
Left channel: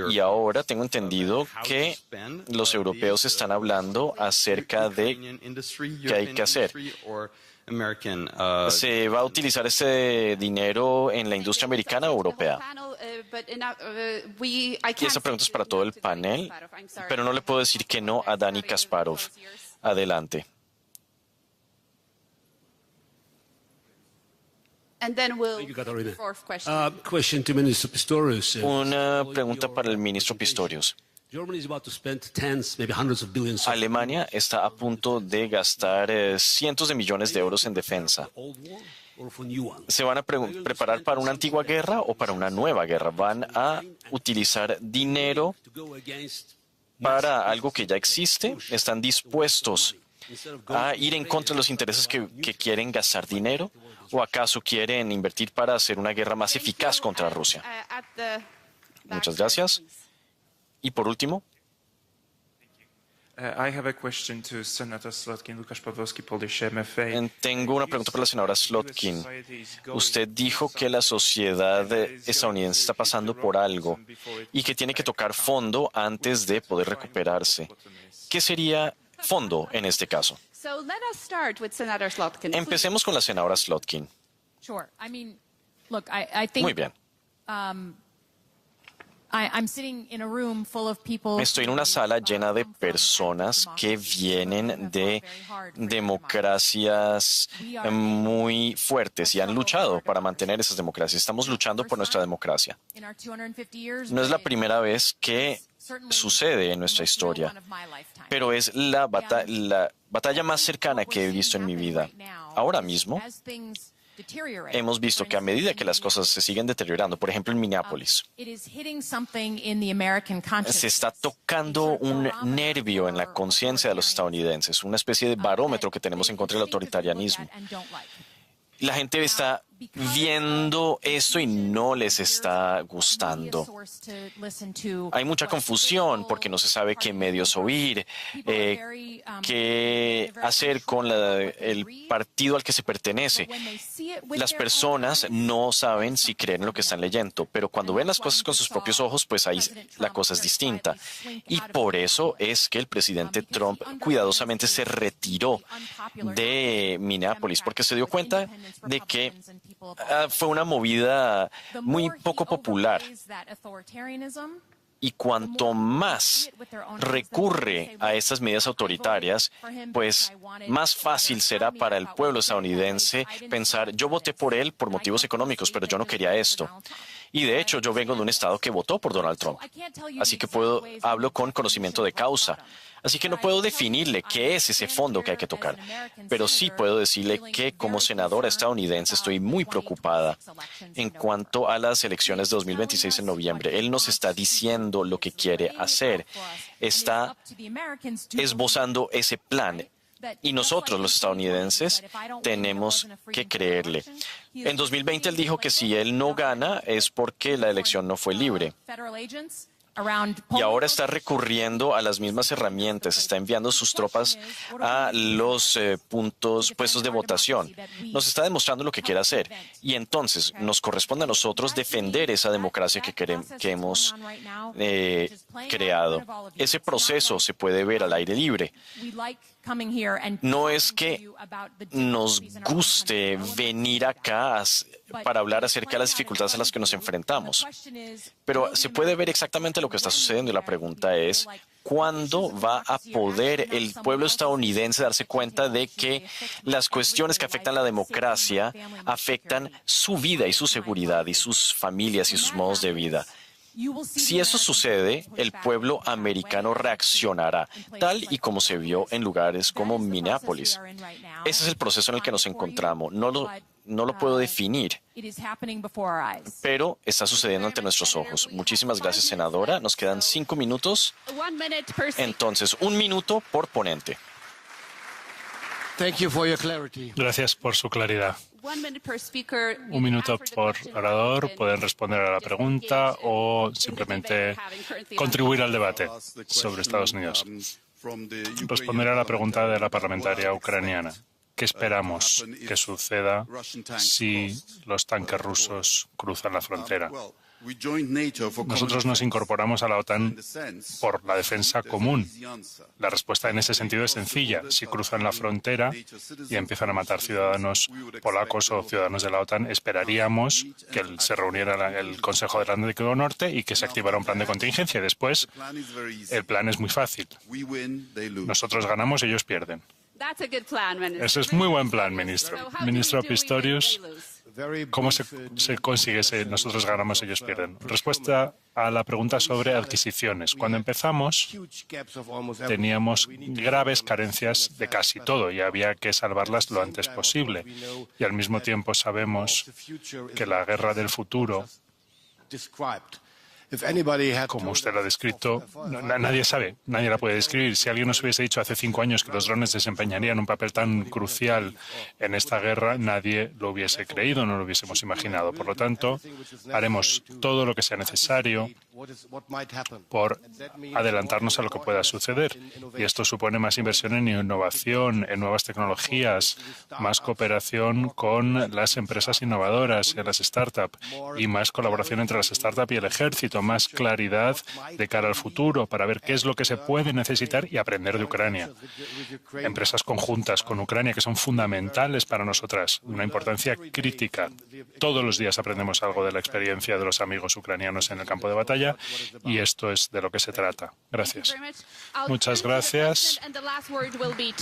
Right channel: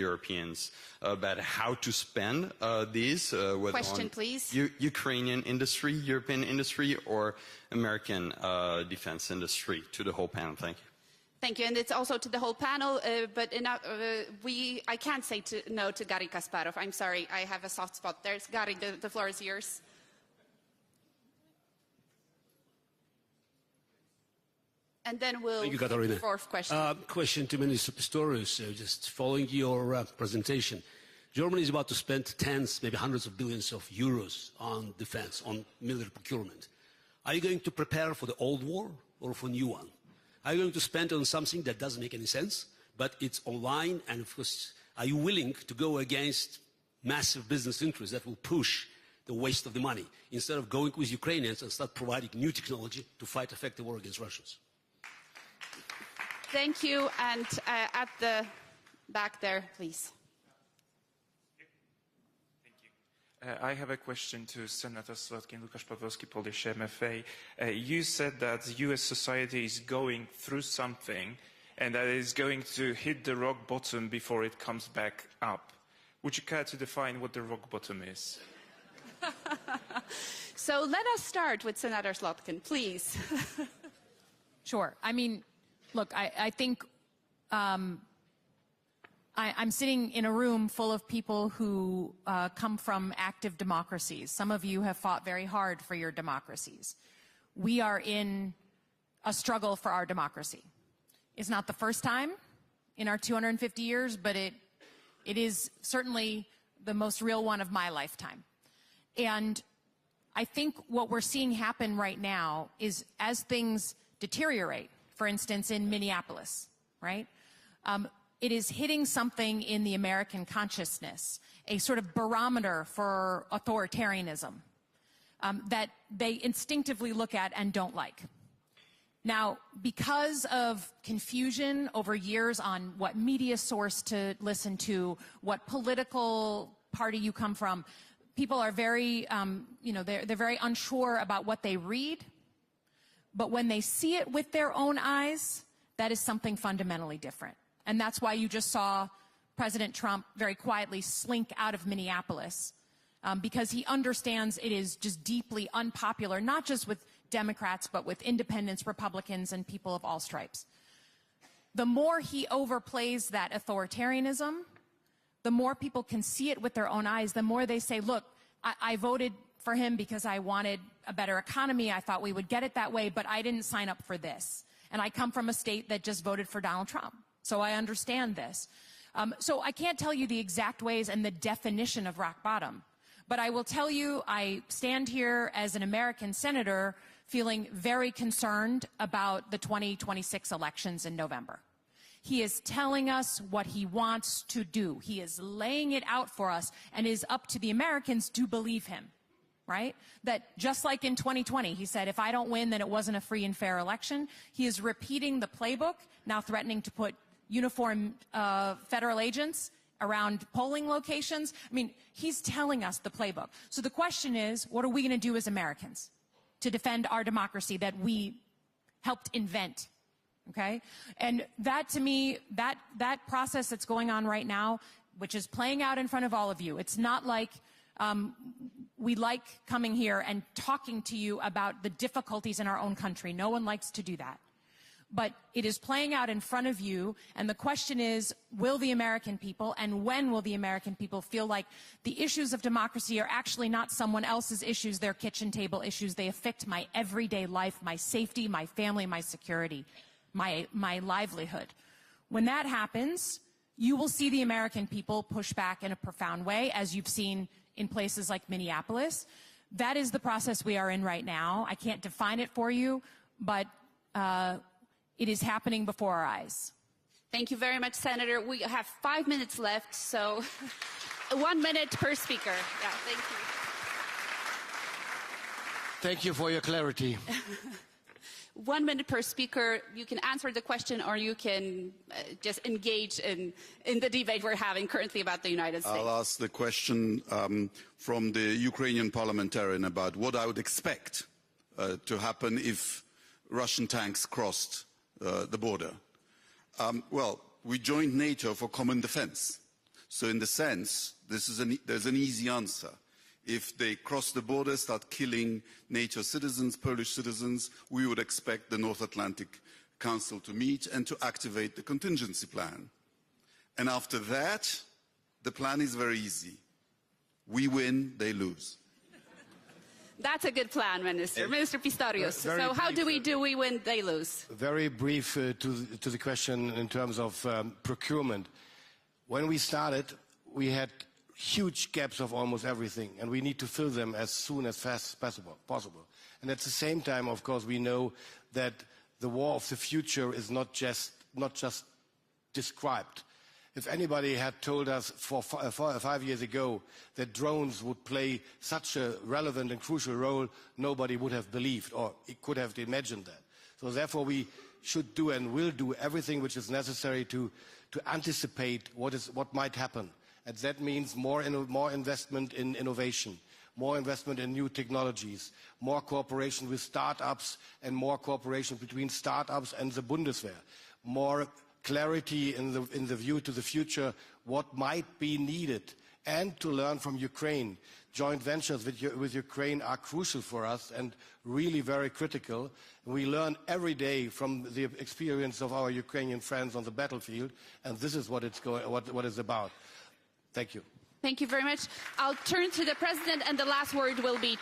Y ahora tengo entendido que los europeos están hablando acerca de qué hay que hacer. ¿Se va a utilizar ese dinero en la industria americana o europea? Y esa pregunta es para todo el panel, pero no le puedo decir que no a Dani Kasparov. Adelante. Una pregunta para el ministro Pistorius. Alemania está a punto de gastar cientos de millones de euros en defensa. ¿Se van a preparar para una antigua guerra o para una nueva guerra? ¿Van a utilizar dinero para algo que ya existe? ¿Están dispuestos a ir en contra de los intereses que quieren gastar dinero? ¿O acaso quieren invertir para hacer una guerra más eficaz contra Rusia? Muchas gracias. Y por último, tengo una pregunta para la senadora Slotkin. Usted dijo que la sociedad estadounidense está pasando por algo y que tiene que tocar fondo antes de poder recuperarse. ¿Qué sería fondo en este caso? Empecemos con la senadora Slotkin. Muy bien. Estoy en una sala llena de personas que vienen de democracias muy fuertes y han luchado para mantener esas democracias. Estamos luchando por nuestra democracia. No es la primera vez que sucede en nuestra historia, pero es la batalla más cercana que he visto en mi vida. Ahora mismo, hemos visto que a medida que las cosas se siguen deteriorando, por ejemplo en Minneapolis, se está tocando un nervio en la conciencia de los estadounidenses, una especie de barómetro que tenemos en contra del autoritarianismo. La gente está viendo eso y no les está gustando. Hay mucha confusión porque no se sabe qué medios oír, qué hacer con el partido al que se pertenece. Las personas no saben si creen en lo que están leyendo, pero cuando ven las cosas con sus propios ojos, pues ahí la cosa es distinta. Y por eso es que el presidente Trump cuidadosamente se retiró de Minneapolis, porque se dio cuenta de que fue una movida muy poco popular. Y cuanto más recurre a estas medidas autoritarias, pues más fácil será para el pueblo estadounidense pensar, yo voté por él por motivos económicos, pero yo no quería esto. Y de hecho, yo vengo de un estado que votó por Donald Trump. Así que hablo con conocimiento de causa. Así que no puedo definirle qué es ese fondo que hay que tocar, pero sí puedo decirle que como senadora estadounidense estoy muy preocupada en cuanto a las elecciones de 2026 en noviembre. Él nos está diciendo lo que quiere hacer, está esbozando ese plan. Y nosotros, los estadounidenses, tenemos que creerle. En 2020 él dijo que si él no gana es porque la elección no fue libre. Y ahora está recurriendo a las mismas herramientas, está enviando sus tropas a los puestos de votación. Nos está demostrando lo que quiere hacer. Y entonces nos corresponde a nosotros defender esa democracia que hemos creado. Ese proceso se puede ver al aire libre. No es que nos guste venir acá para hablar acerca de las dificultades a las que nos enfrentamos. Pero se puede ver exactamente lo que está sucediendo y la pregunta es, ¿cuándo va a poder el pueblo estadounidense darse cuenta de que las cuestiones que afectan la democracia afectan su vida y su seguridad y sus familias y sus modos de vida? Si eso sucede, el pueblo americano reaccionará, tal y como se vio en lugares como Minneapolis. Ese es el proceso en el que nos encontramos. No lo puedo definir, pero está sucediendo ante nuestros ojos. Muchísimas gracias, senadora. Nos quedan 5 minutos. Entonces, 1 minuto por ponente. Gracias por su claridad. 1 minuto por orador. Pueden responder a la pregunta o simplemente contribuir al debate sobre Estados Unidos. Responderé a la pregunta de la parlamentaria ucraniana. ¿Qué esperamos que suceda si los tanques rusos cruzan la frontera? Nosotros nos incorporamos a la OTAN por la defensa común. La respuesta en ese sentido es sencilla. Si cruzan la frontera y empiezan a matar ciudadanos polacos o ciudadanos de la OTAN, esperaríamos que se reuniera el Consejo del Atlántico Norte y que se activara un plan de contingencia. Después, el plan es muy fácil. Nosotros ganamos, ellos pierden. Ese es muy buen plan, ministro. Ministro Pistorius, ¿cómo se consigue si nosotros ganamos y ellos pierden? Respuesta a la pregunta sobre adquisiciones. Cuando empezamos, teníamos graves carencias de casi todo y había que salvarlas lo antes posible. Y al mismo tiempo sabemos que la guerra del futuro, como usted lo ha descrito, nadie sabe, nadie la puede describir. Si alguien nos hubiese dicho hace 5 años que los drones desempeñarían un papel tan crucial en esta guerra, nadie lo hubiese creído, no lo hubiésemos imaginado. Por lo tanto, haremos todo lo que sea necesario por adelantarnos a lo que pueda suceder. Y esto supone más inversión en innovación, en nuevas tecnologías, más cooperación con las empresas innovadoras y las startups, y más colaboración entre las startups y el ejército, más claridad de cara al futuro para ver qué es lo que se puede necesitar y aprender de Ucrania. Empresas conjuntas con Ucrania que son fundamentales para nosotras, una importancia crítica. Todos los días aprendemos algo de la experiencia de los amigos ucranianos en el campo de batalla y esto es de lo que se trata. Gracias. Muchas gracias.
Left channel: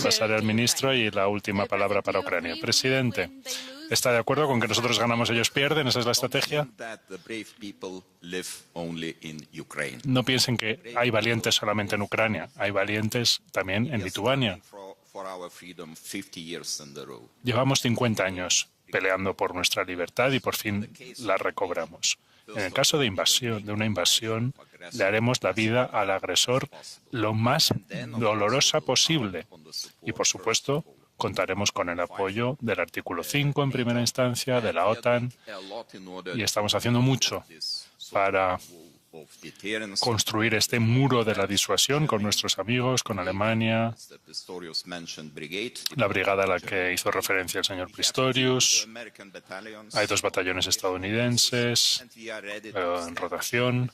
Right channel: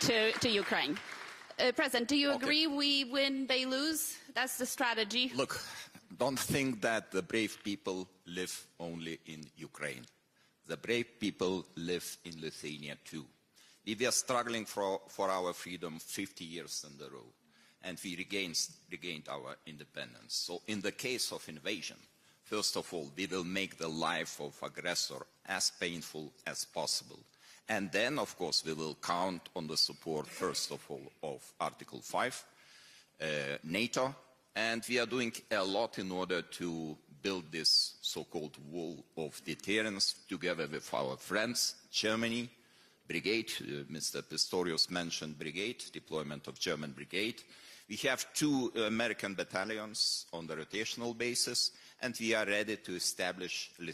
Pasaré al ministro y la última palabra para Ucrania. Presidente, ¿está de acuerdo con que nosotros ganamos, ellos pierden? ¿Esa es la estrategia? No piensen que hay valientes solamente en Ucrania, hay valientes también en Lituania. Llevamos 50 años peleando por nuestra libertad y por fin la recobramos. En el caso de una invasión, le haremos la vida al agresor lo más dolorosa posible. Y, por supuesto, contaremos con el apoyo del artículo 5 en primera instancia, de la OTAN, y estamos haciendo mucho para construir este muro de la disuasión con nuestros amigos, con Alemania, la brigada a la que hizo referencia el señor Pistorius. Hay 2 batallones estadounidenses en rotación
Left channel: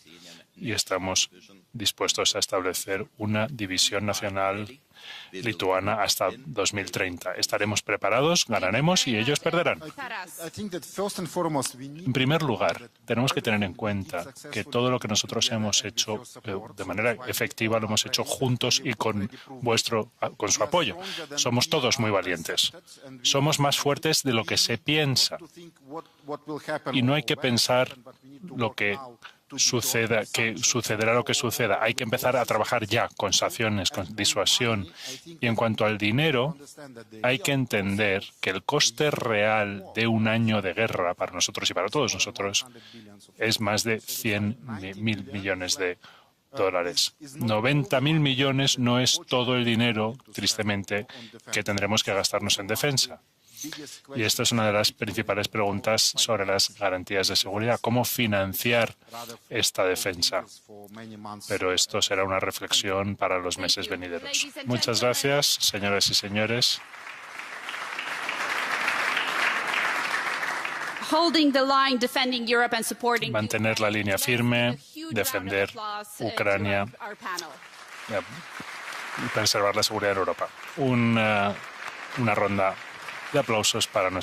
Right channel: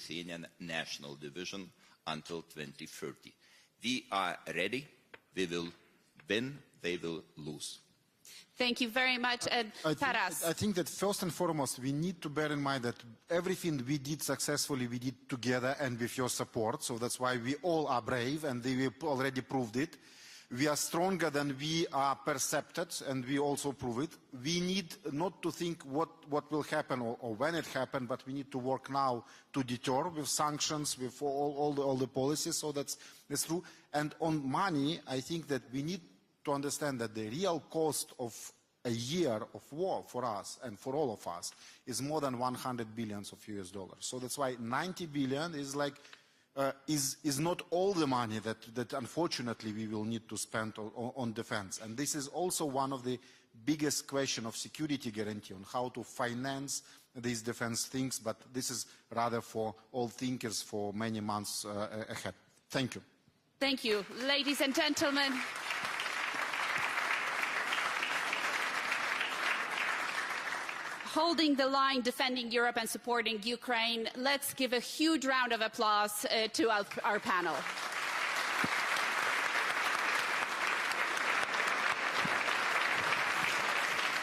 y estamos dispuestos a establecer una división nacional lituana hasta 2030. Estaremos preparados, ganaremos y ellos perderán. En primer lugar, tenemos que tener en cuenta que todo lo que nosotros hemos hecho de manera efectiva lo hemos hecho juntos y con su apoyo. Somos todos muy valientes. Somos más fuertes de lo que se piensa. Y no hay que pensar lo que sucederá lo que suceda. Hay que empezar a trabajar ya con sanciones, con disuasión. Y en cuanto al dinero, hay que entender que el coste real de un año de guerra para nosotros y para todos nosotros es más de 100.000 millones de dólares. 90.000 millones no es todo el dinero, tristemente, que tendremos que gastarnos en defensa. Y esta es una de las principales preguntas sobre las garantías de seguridad. ¿Cómo financiar esta defensa? Pero esto será una reflexión para los meses venideros. Muchas gracias, señoras y señores. Mantener la línea firme, defender Ucrania y preservar la seguridad en Europa. Una ronda de aplausos para nuestro